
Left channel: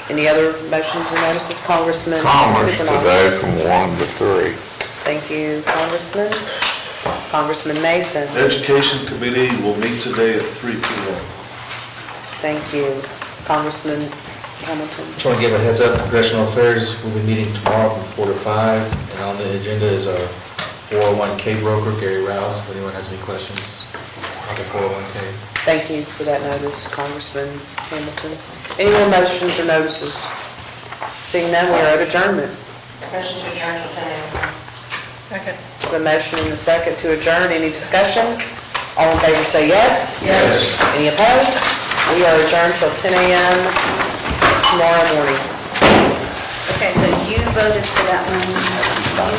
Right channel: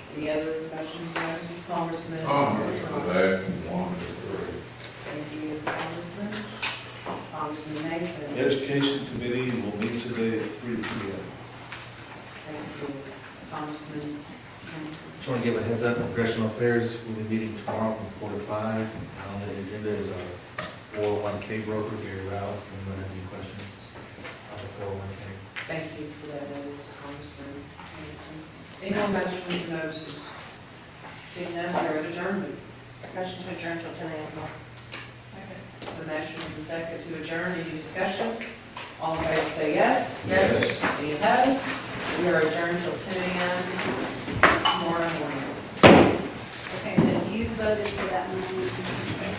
Any other motions and notices? Congressman Commerce Supernaw. today from 1 to 3. Thank you, Congressman. Congressman Mason. Education Committee will meet today at 3 p.m. Thank you. Congressman Hamilton. Just want to give a heads up, Congressional Affairs will be meeting tomorrow from 4 to 5, and on the agenda is our 401k broker, Gary Rouse, if anyone has any questions on the 401k. Thank you for that notice, Congressman Hamilton. Any more motions or notices? Seeing none, we are at adjournment. Motion to adjourn till 10 a.m. Second. The motion and the second to adjourn. Any discussion? All in favor say yes. Yes. Any opposed? We are adjourned till 10 a.m. tomorrow morning. Okay, so you voted for that one.